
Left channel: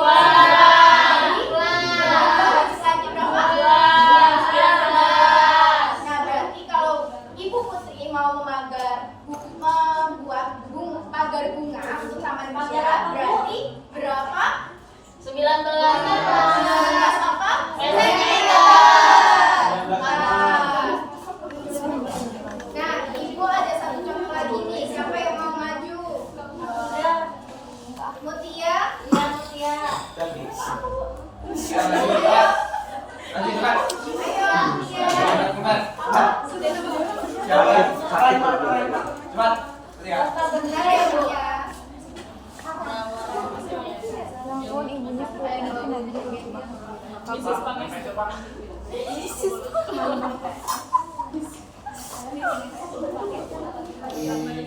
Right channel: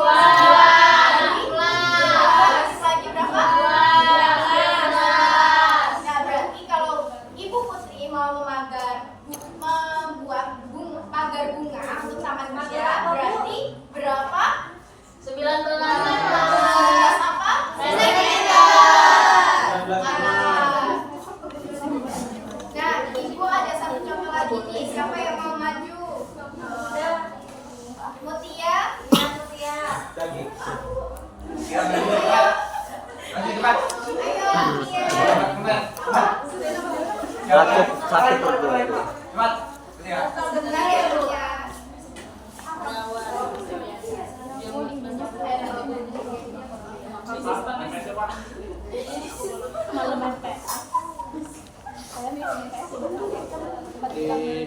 Habis lagi berapa? 12. Nah berarti kalau Ibu Putri mau membuat pagar bunga untuk taman dia berarti berapa? 19 apa? Nah, Ibu ada satu contoh lagi nih. Siapa yang mau maju? Mutia? Ya, Mutia. Nanti cepat. Ayo, Mutia. Cepat. Ya. Sebentar ya, Mutia. Jadi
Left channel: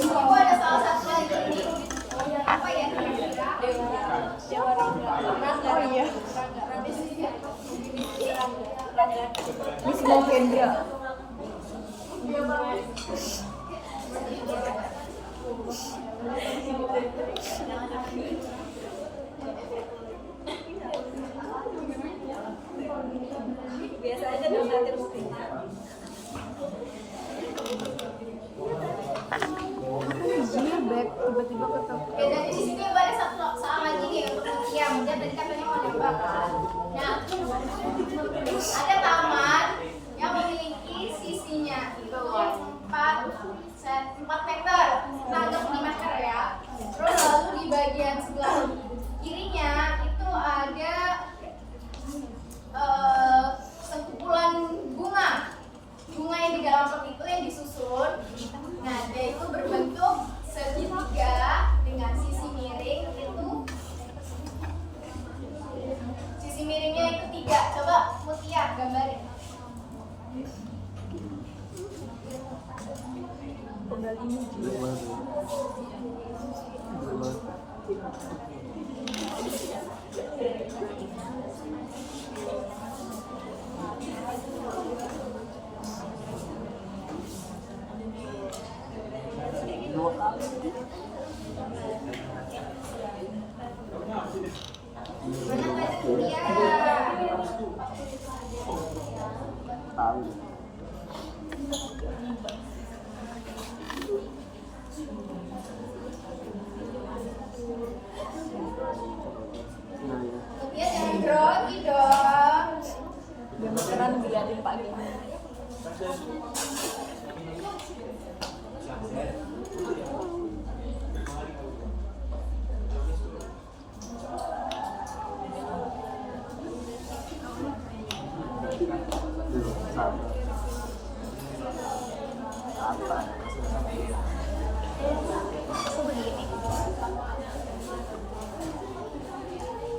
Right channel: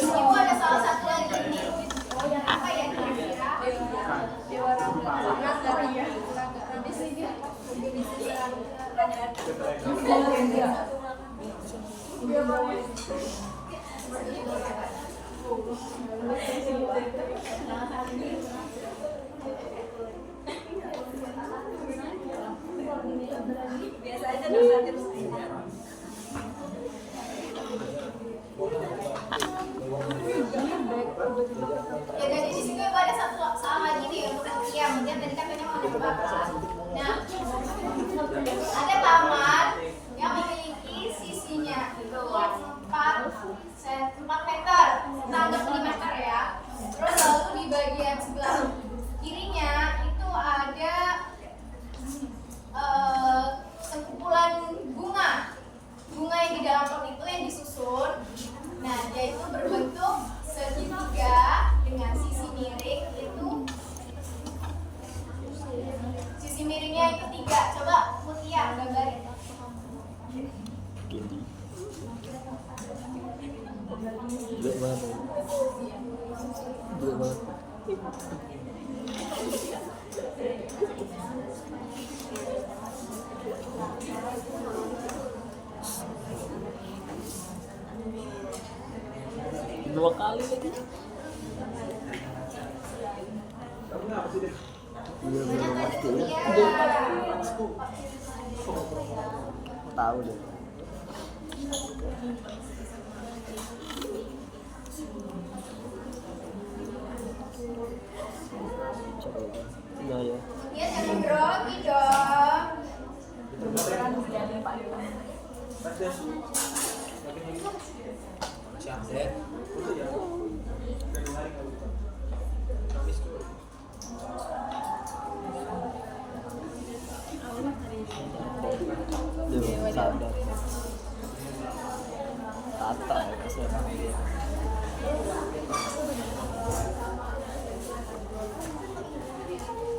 ibu ada salah satu lagi nih. Apa ya kira-kira? Biasa aja nasihatin istrinya. Ya dari di sini ada satu soal lagi nih untuk Mutia. Mutia tadi katanya mau nyoba kan. Nah, ada taman yang memiliki sisinya itu 4 meter, nah untuk 5 meter ya. Terus lalu di bagian sebelah kirinya itu ada sekumpulan bunga yang di dalam pot itu yang disusun. Nah, dia itu berbentuk segitiga dengan sisi miring itu. Sisi miringnya itu 3. Coba Mutia gambarin. Dua kali. Mana tadi Mutia? Tahu deh. Nah, ya. Mutia jangan grogi dong. Beneran dilihatin Pak Gita.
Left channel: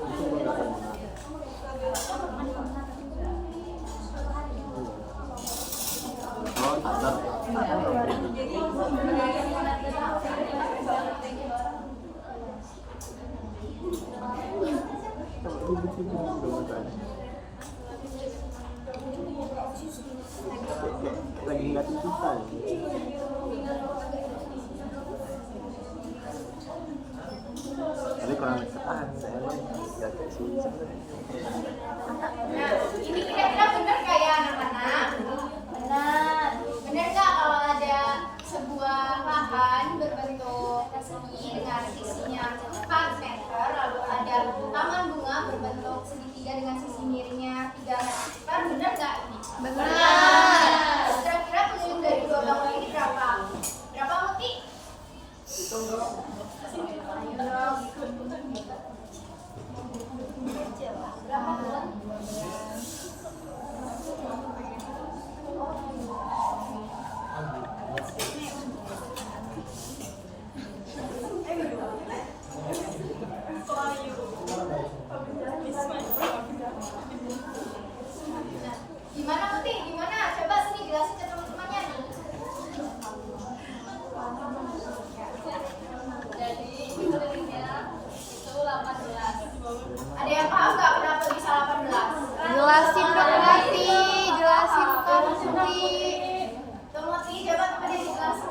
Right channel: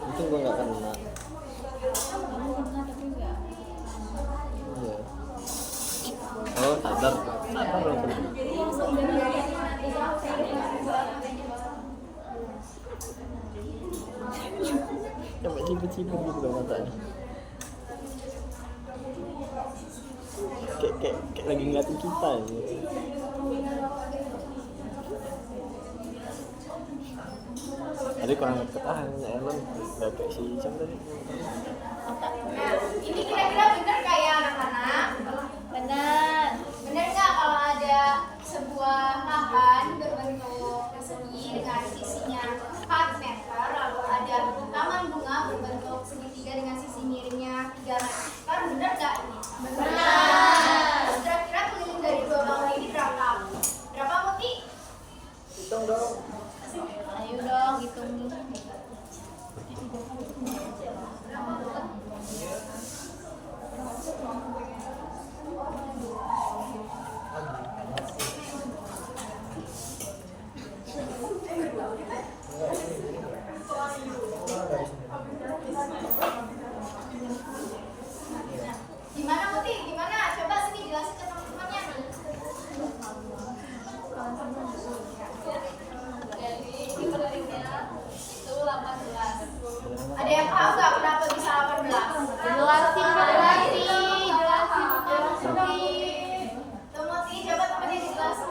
Itu gue nggak kena. Oh, tabrak. Sampai cibir-cibir gitu dong matanya. Kayak lagi ngeliatin kita gitu. Tadi kalau ketahan, nggak kayak si siapa tadi? Nah, ini kira-kira bener nggak ya anak-anak? Benar. Bener nggak kalau ada sebuah lahan berbentuk persegi dengan sisinya 4 meter, lalu ada taman bunga berbentuk segitiga dengan sisi miringnya 3 meter, bener nggak ini? Benar. Terus kira-kira keliling dari 2 bangunan ini berapa? Berapa Muti? Hitung dong. Ayo dong, hitung. Berapa bulan? Gimana Muti? Gimana? Coba sini jelasin ke teman-temannya. Jadi ini kelilingnya itu 18. Ada yang paham nggak kenapa bisa 18? Jelasin Tuh Muti, coba temannya dijelasin.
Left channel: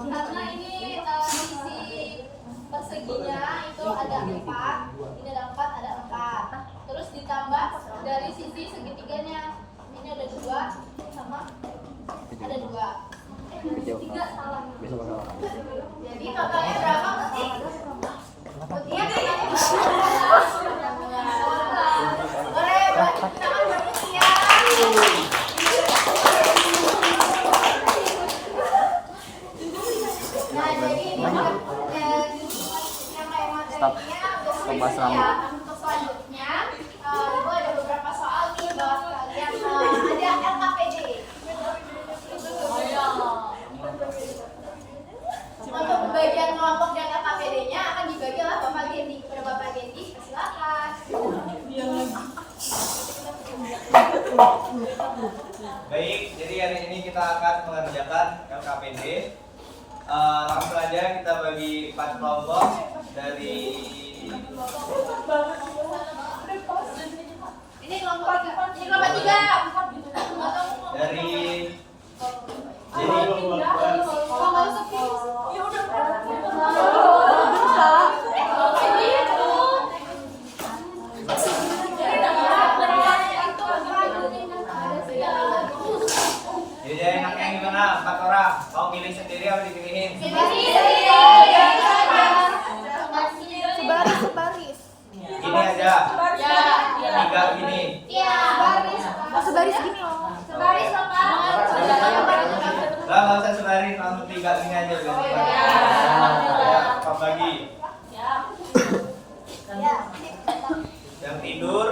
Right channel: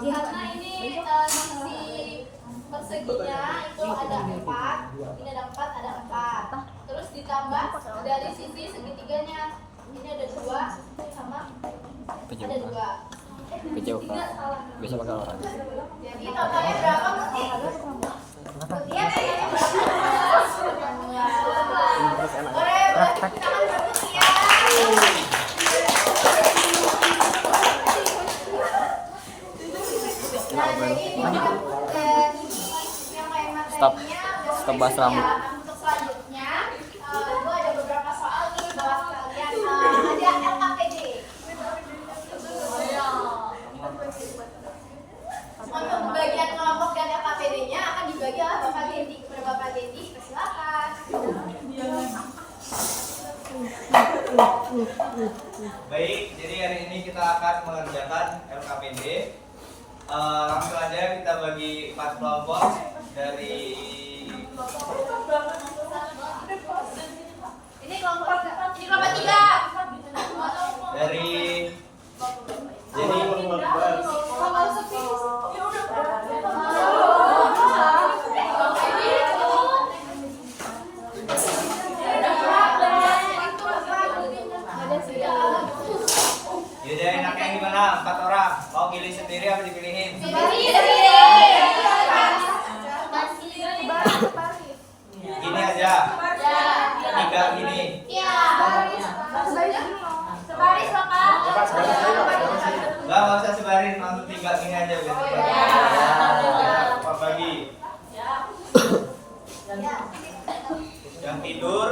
Karena ini sisi perseginya itu ada 4, ini ada 4, ada 4. Terus ditambah dari sisi segitiganya, ini ada 2 sama ada 2. Kejauhan. 3 salah. Bisa pakai orang. Jadi totalnya berapa Muti? Muti ya kayaknya berapa? Boleh tepuk tangan buat Muti ya. Nah, jadi ini yang kayak materinya udah Stop bahas selesai ya. rambut. Untuk selanjutnya, gue ada beberapa soal nih buat kalian. Ada LKPD. Untuk pembagian kelompok dan LKPD-nya akan dibagi oleh Bapak Gendi. Kepada Bapak Gendi, persilakan. kita akan mengerjakan LKPD. Langsung aja kita bagi 4 kelompok dari Ini kelompok 3. dari Jenny. Jadi enaknya yang gimana? 4 orang. Mau pilih sendiri apa dipilihin? Gini aja. 3 gini. Sebaris gini. Sebaris loh Kak. Enggak usah sebaris, langsung 3 gini aja biar cepat. Ya, Pak bagi. Yang tidur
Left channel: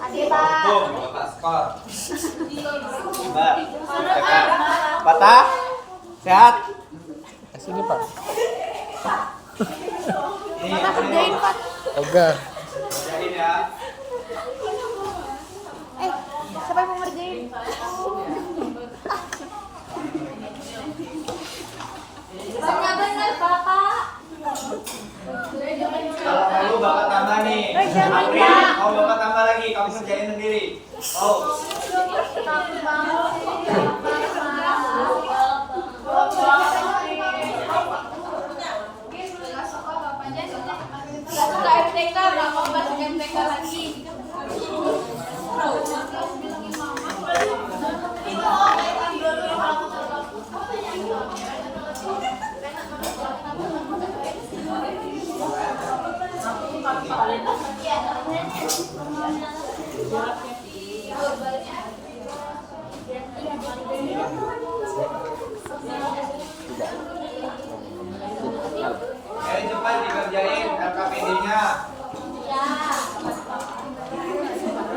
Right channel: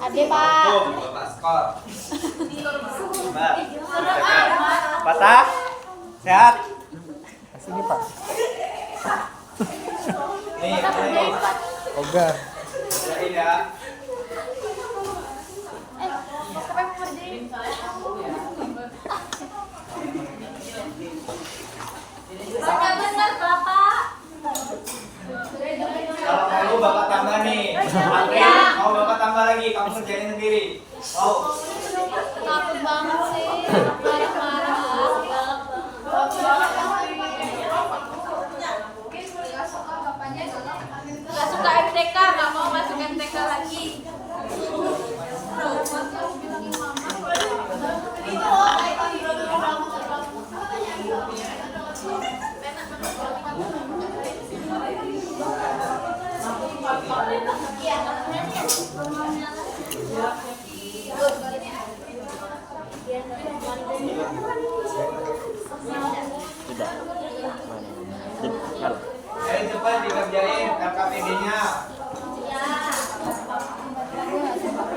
hukum, Bapak skor. Mbak, patah, sehat. Sini Pak. Nih, Oga. kerjain ya. Siapa yang mau ngerjain? Benar Bapak. Kalau perlu Bapak tambah nih. April, mau Bapak tambah lagi, kamu kerjain sendiri. Mau? Gak suka MTK, gak mau masuk MTK lagi. Ayo cepat dikerjain LKPD-nya.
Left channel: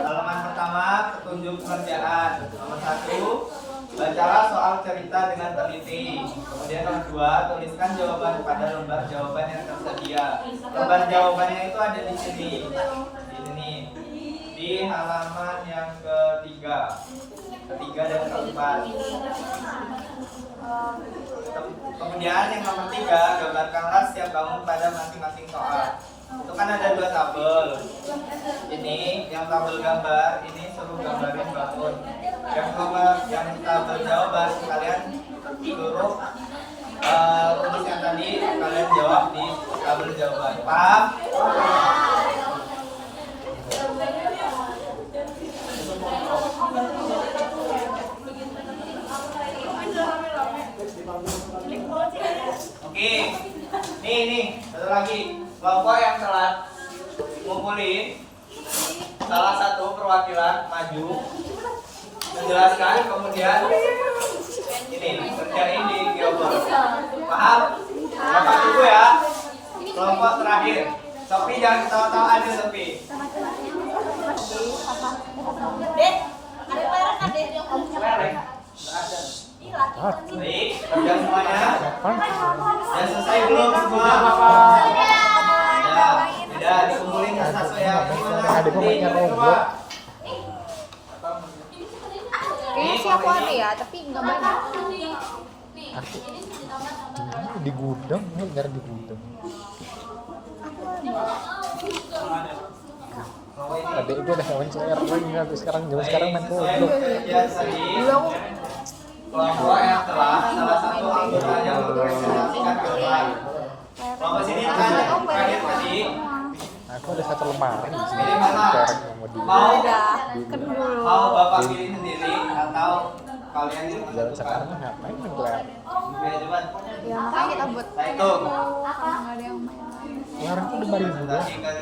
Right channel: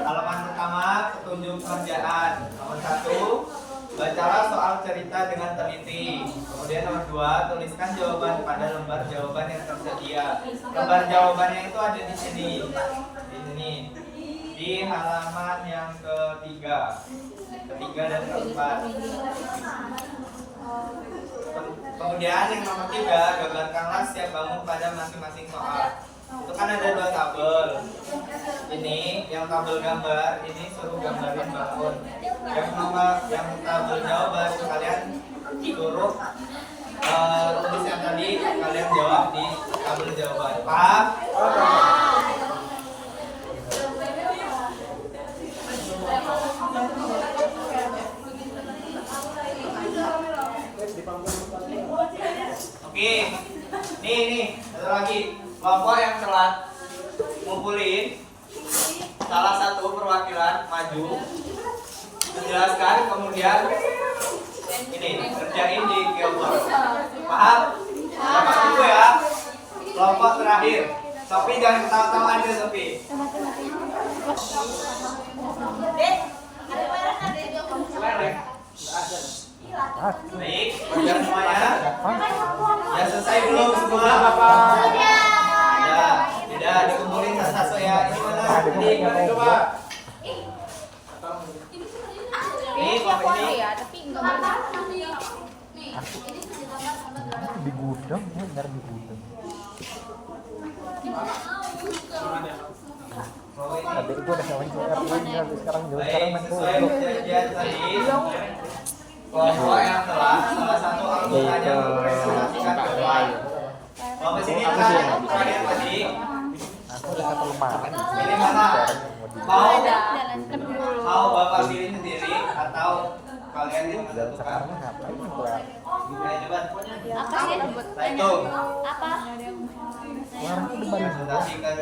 Halaman pertama, petunjuk pengerjaan. Nomor 1, bacalah soal cerita dengan teliti. Kemudian nomor 2, tuliskan jawaban pada lembar jawaban yang tersedia. Lembar jawabannya itu ada di sini. Di sini. Di halaman yang ketiga dan keempat. Kemudian yang nomor 3, gambarkanlah setiap bangun pada masing-masing soal. Itu kan ada 2 tabel. Ini yang tabel gambar, ini suruh gambarin bangun. Yang tabel jawaban kalian suruh tulis yang tadi kalian jawab di tabel jawaban. Paham? Oke, nih, satu lagi. Kelompok yang telah ngumpulin salah satu perwakilan maju, menjelaskan, kemudian ini kerjain di geoboard. Paham? Dapat dulu ya. Kelompok terakhir. Sopi jangan ketawa-tawa aja, Sopi. Dek, ada barang ada di Lereng. Baik, kerjaan semuanya. Ya selesai belum semua, Bapak? Tidak, dikumpulin satu-satu ya. Ini mana? Ada bapaknya robot. Ini Aku ini. ya, tapi enggak banyak. Aku di gudang, nyari di gudang. Adek gue udah hewan CR lagi habis sekarang main Sesuai goblok. perjanjian tadi, kelompok yang telah salah satu anggotanya mempresentasikan terbaik. Kelompok sini kan kalian tadi. Aku ada 1 lemari di sini. Pilih mana? Mau Bapak pilih sendiri atau kalian yang Dan menentukan? sekarang ngapain keluar? Ayo cepat. Buat Saya hitung. Kemarin tuh udah balik juga. Kasih ke.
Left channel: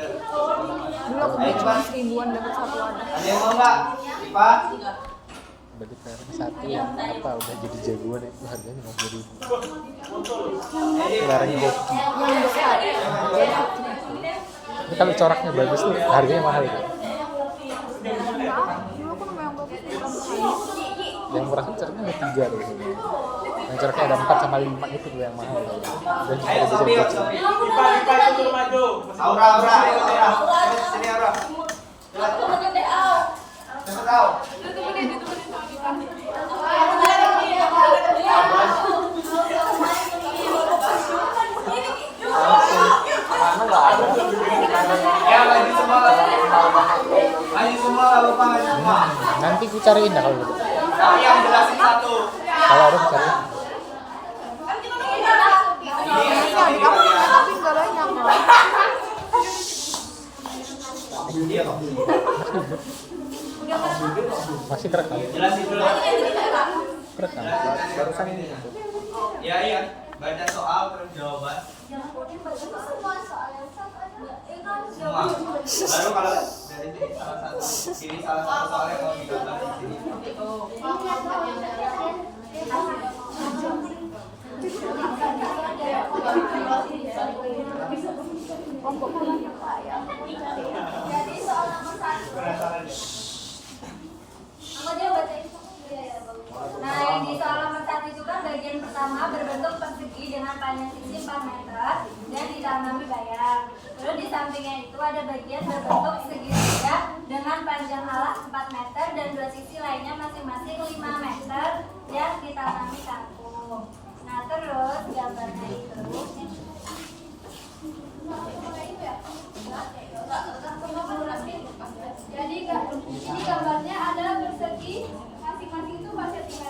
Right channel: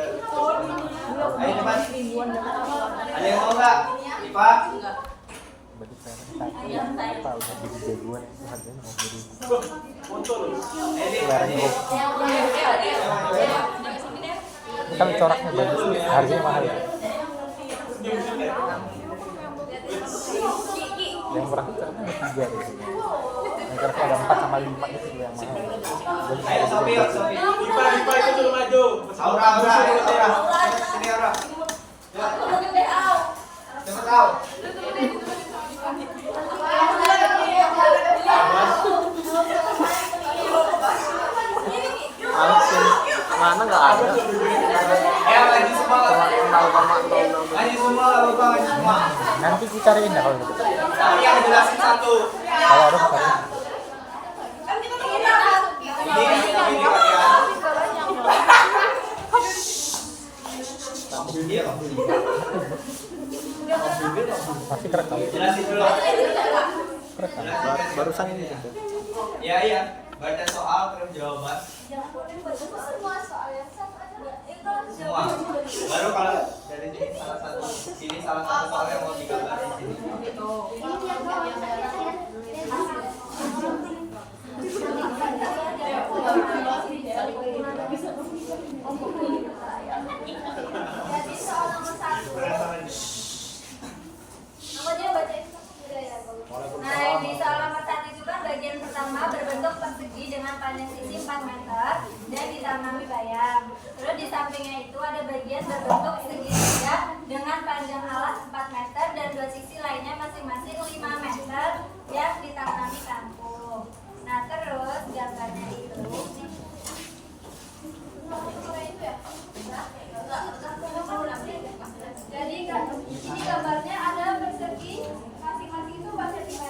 Ayo cepat. Ada yang mau nggak? Ipa? Bagi sekarang 1 apa udah jadi jagoan itu harganya 50.000. Kemarin gue. Ini kalau coraknya bagus nih, harganya mahal ya. Yang murah kan coraknya ada 3 di sini. Yang coraknya ada 4 sama 5 itu yang mahal. Dan cuma Ayo ada Sopi, bisa Sopi. Ipa itu maju. Aura, ayo Aura. Sini Aura. Cepat Aura. Ngaji semua lah lupa ngaji semua. Nanti ku cariin ya kalau gitu. Saya ngejelasin satu. Kalau ada ku cariin. Ini kalian. Iya toh. Masih terekam. Jelasin dulu. Terekam. Barusan ini gitu. Iya. Baca soal terus jawaban. Semua soal yang satu aja. Semua. Baru kalau dari sini salah satu soal yang mau digambar di sini. Jadi soal nomor 1. Apa dia bacain? Nah, di soal nomor 1 itu kan bagian pertama berbentuk persegi dengan panjang sisi 4 meter dan ditanami bayam. Terus di sampingnya itu ada bagian berbentuk segitiga dengan panjang alas 4 meter dan dua sisi lainnya masing-masing 5 meter yang ditanami kangkung. Nah, terus gambarnya itu Jadi ini gambarnya ada persegi masing-masing itu 4 cm,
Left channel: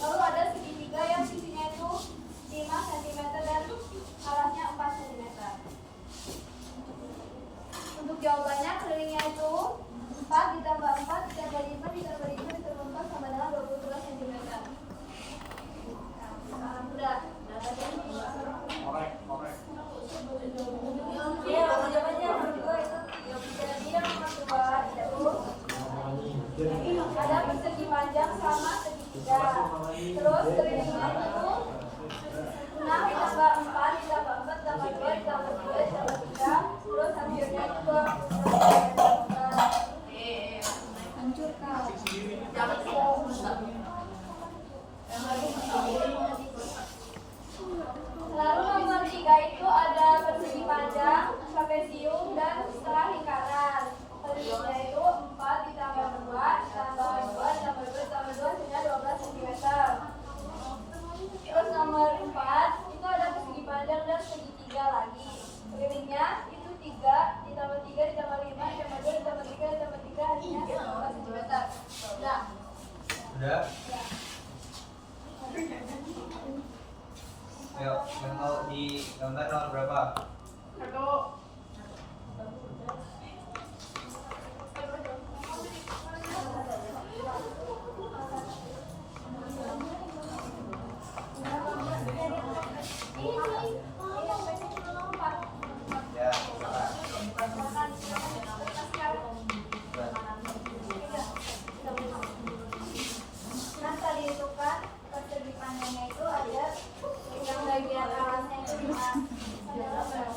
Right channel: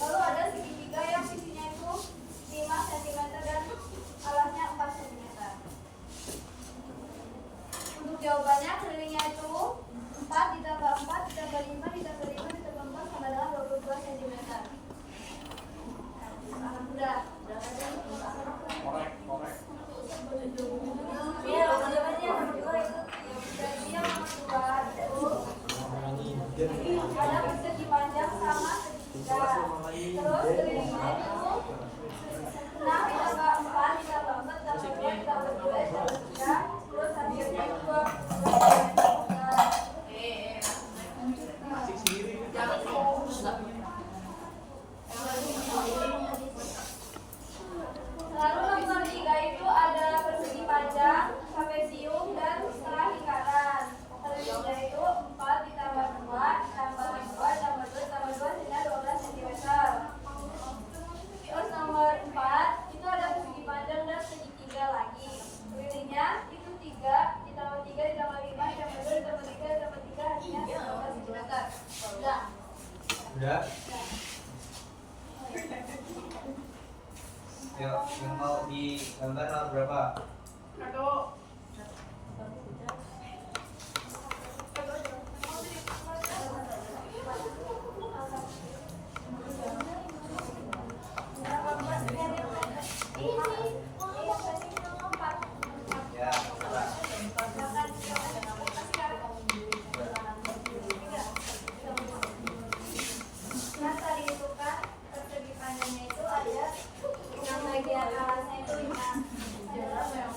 lalu ada segitiga yang sisinya itu 5 cm dan alasnya 4 cm. Untuk jawabannya kelilingnya itu 4 ditambah 4 ditambah 5 ditambah 5 ditambah 4 sama dengan 22 cm. Udah berapa jam? Korek. ya langsung aja nomor 2 itu ya jadi yang nomor 2 itu Ada persegi panjang sama segitiga. Terus kelilingnya itu 6 ditambah 4 ditambah 4 ditambah 2 ditambah 3 ditambah 3. Terus hasilnya 22. Lalu nomor 3 itu ada persegi panjang, trapesium dan setengah lingkaran. Kelilingnya itu 4 ditambah 2 ditambah 2 ditambah 2 ditambah 2 sehingga 12 cm. Terus nomor 4 itu ada persegi panjang dan segitiga lagi. Kelilingnya itu 3 ditambah 3 ditambah 5 ditambah 2 ditambah 3 ditambah 3 hasilnya 12 cm. Udah. Udah. Yuk, yang mau digambar nomor berapa? 1. Ya, berapa? Nah, tadi itu kan persegi panjangnya itu ada yang bagian alasnya itu 5 adalah berapa?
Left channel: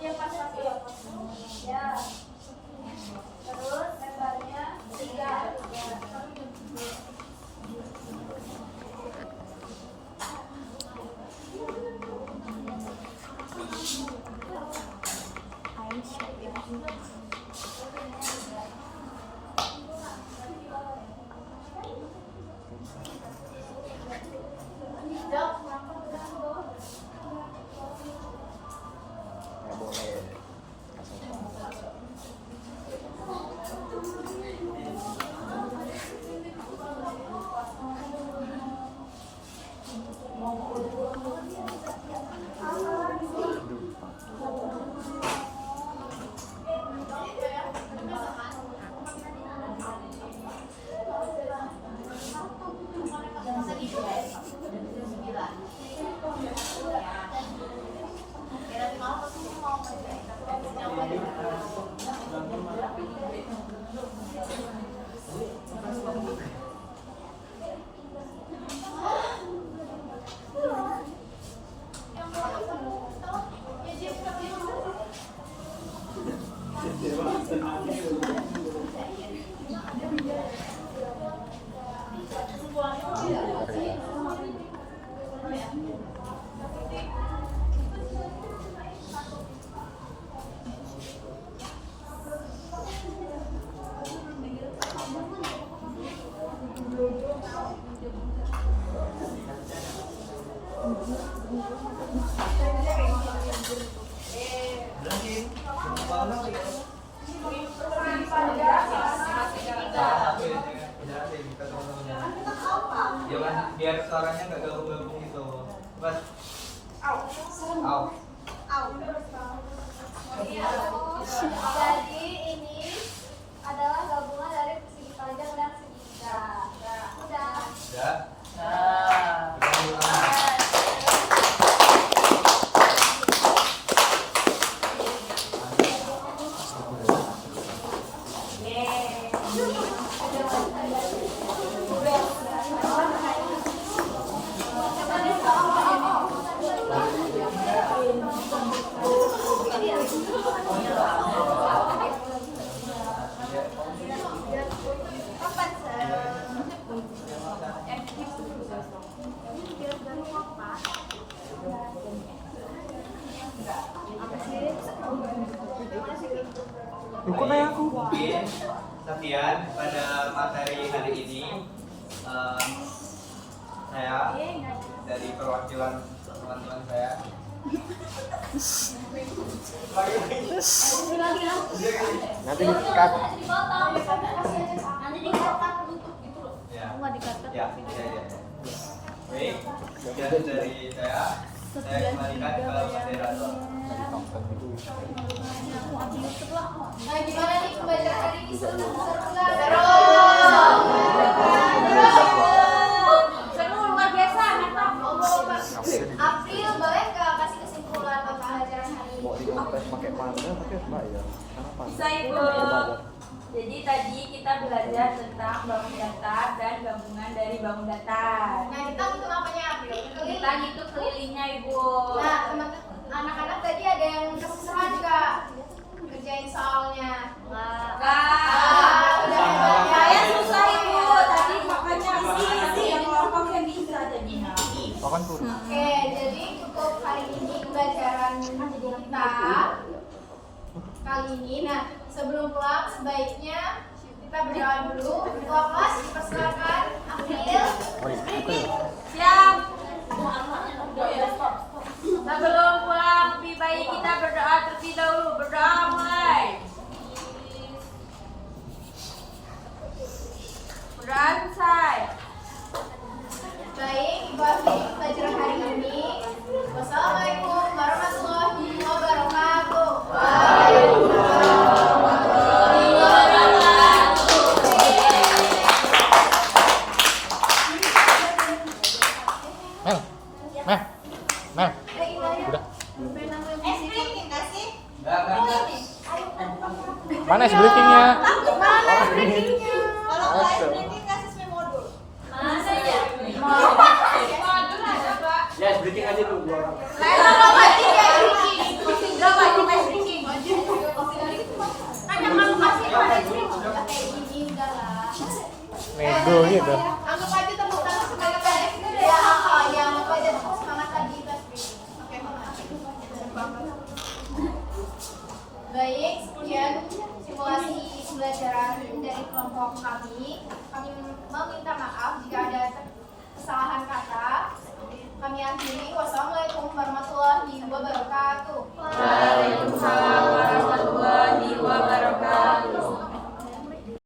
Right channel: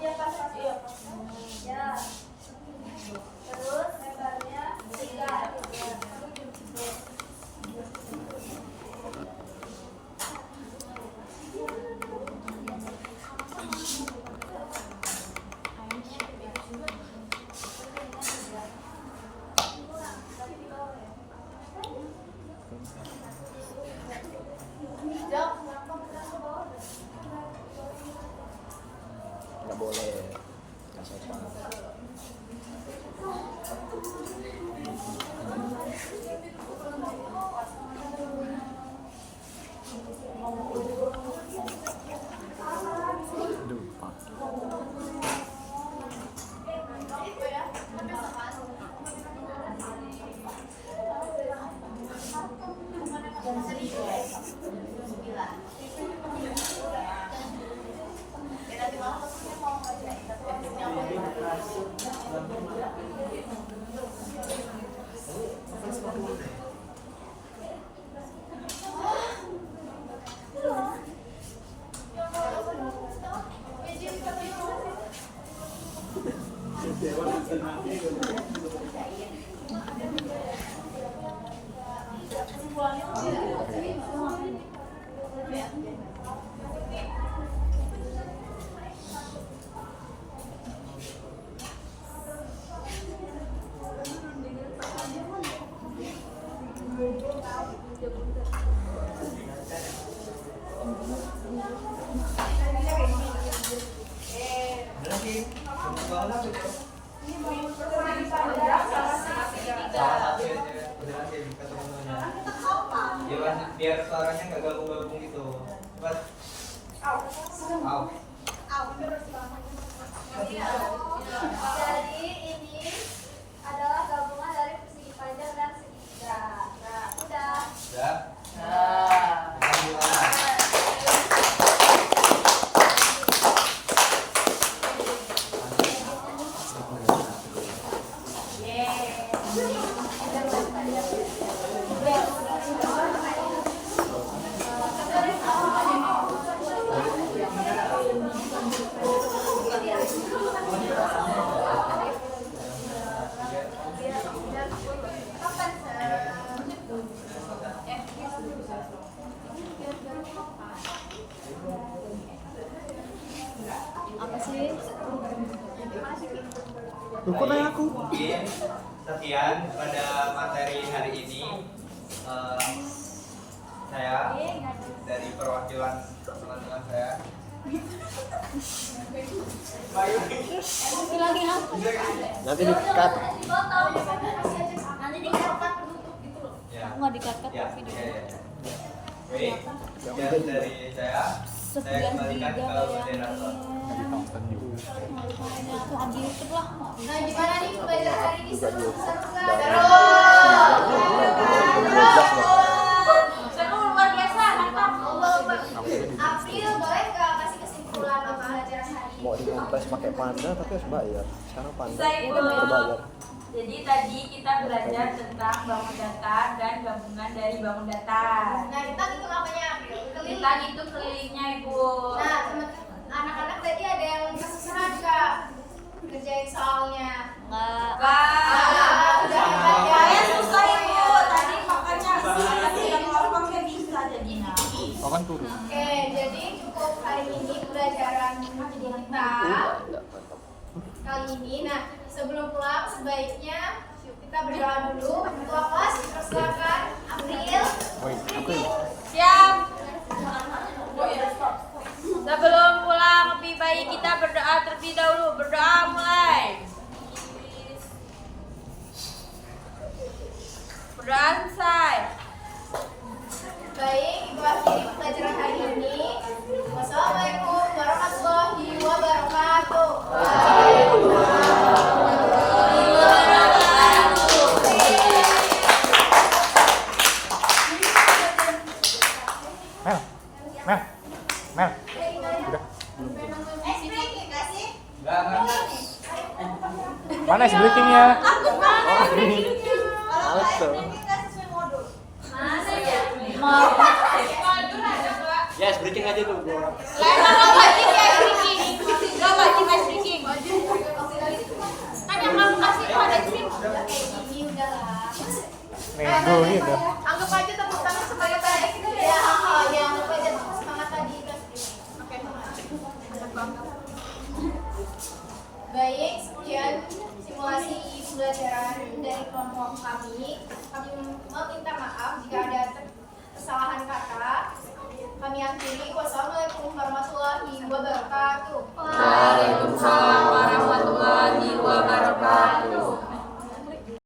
Ya pas ya. Terus lebarnya 3. Nggak boleh. bangunan gitu. Ya kan, biar suaranya nggak gabung-gabung gitu. Buat Jadi ini adalah gabungan dari persegi panjang dan segitiga. Udah. ya. Baik, mungkin sekian pada materi hari ini. Saya dari perwakilan teman-teman saya. Nanti di-cut. Nanti dikatakan penutup gitu loh. Ya. Nggak dikata. Ya. Baik, sekian dari saya. Saya kembalikan ke moderator. Nah, gimana nih pembelajaran hari ini? Seru nggak? Seru luar biasa, mantap. April, boleh nggak kasih kesimpulan pembelajaran hari ini? Mau dikompress pakai panda tapi harus bayar. Sekarang panda. Bisa itu. Berbayar. Jadi tadi kita belajar tentang bangun datar dan gabungan dari bangun datar. Nah, kita hitung apanya, April? Kita hitung kelilingnya, Ibu. Nah, anak-anak tadi ada yang kesusahan nggak ngerjain soalnya? Wah, udah saya susah Ibu. Tadi makanya sih, tapi yang kelompoknya bisa jadinya. Oh kan turun. Oke, jadi cukup hari ini pembelajaran kita kali ini. Nah, sebelum pulang sebaiknya kita berdoa dulu. Ketua kelas dipersilakan. April. Oi, apa ya? Siap. Sebelum pulang lebih baik kita berdoa terlebih dahulu. Berdoa mulai. Berdoa selesai. Baik, itu akhiri pelajaran hari ini. Wassalamualaikum warahmatullahi wabarakatuh. Mel, Mel, Mel, udah. Mana es briefingnya? Ya, breaking aja dulu 2 orang. Nego ya dah. Anggap aja tepuk tangan sebagai baik. Ya, anggap aja semangat tadi kelas ini. Oke, baik, sekian simulasi pembelajaran dari kelompok kami. Kami meminta maaf jika ada kesalahan kata. Kami akhiri. Wassalamualaikum warahmatullahi wabarakatuh.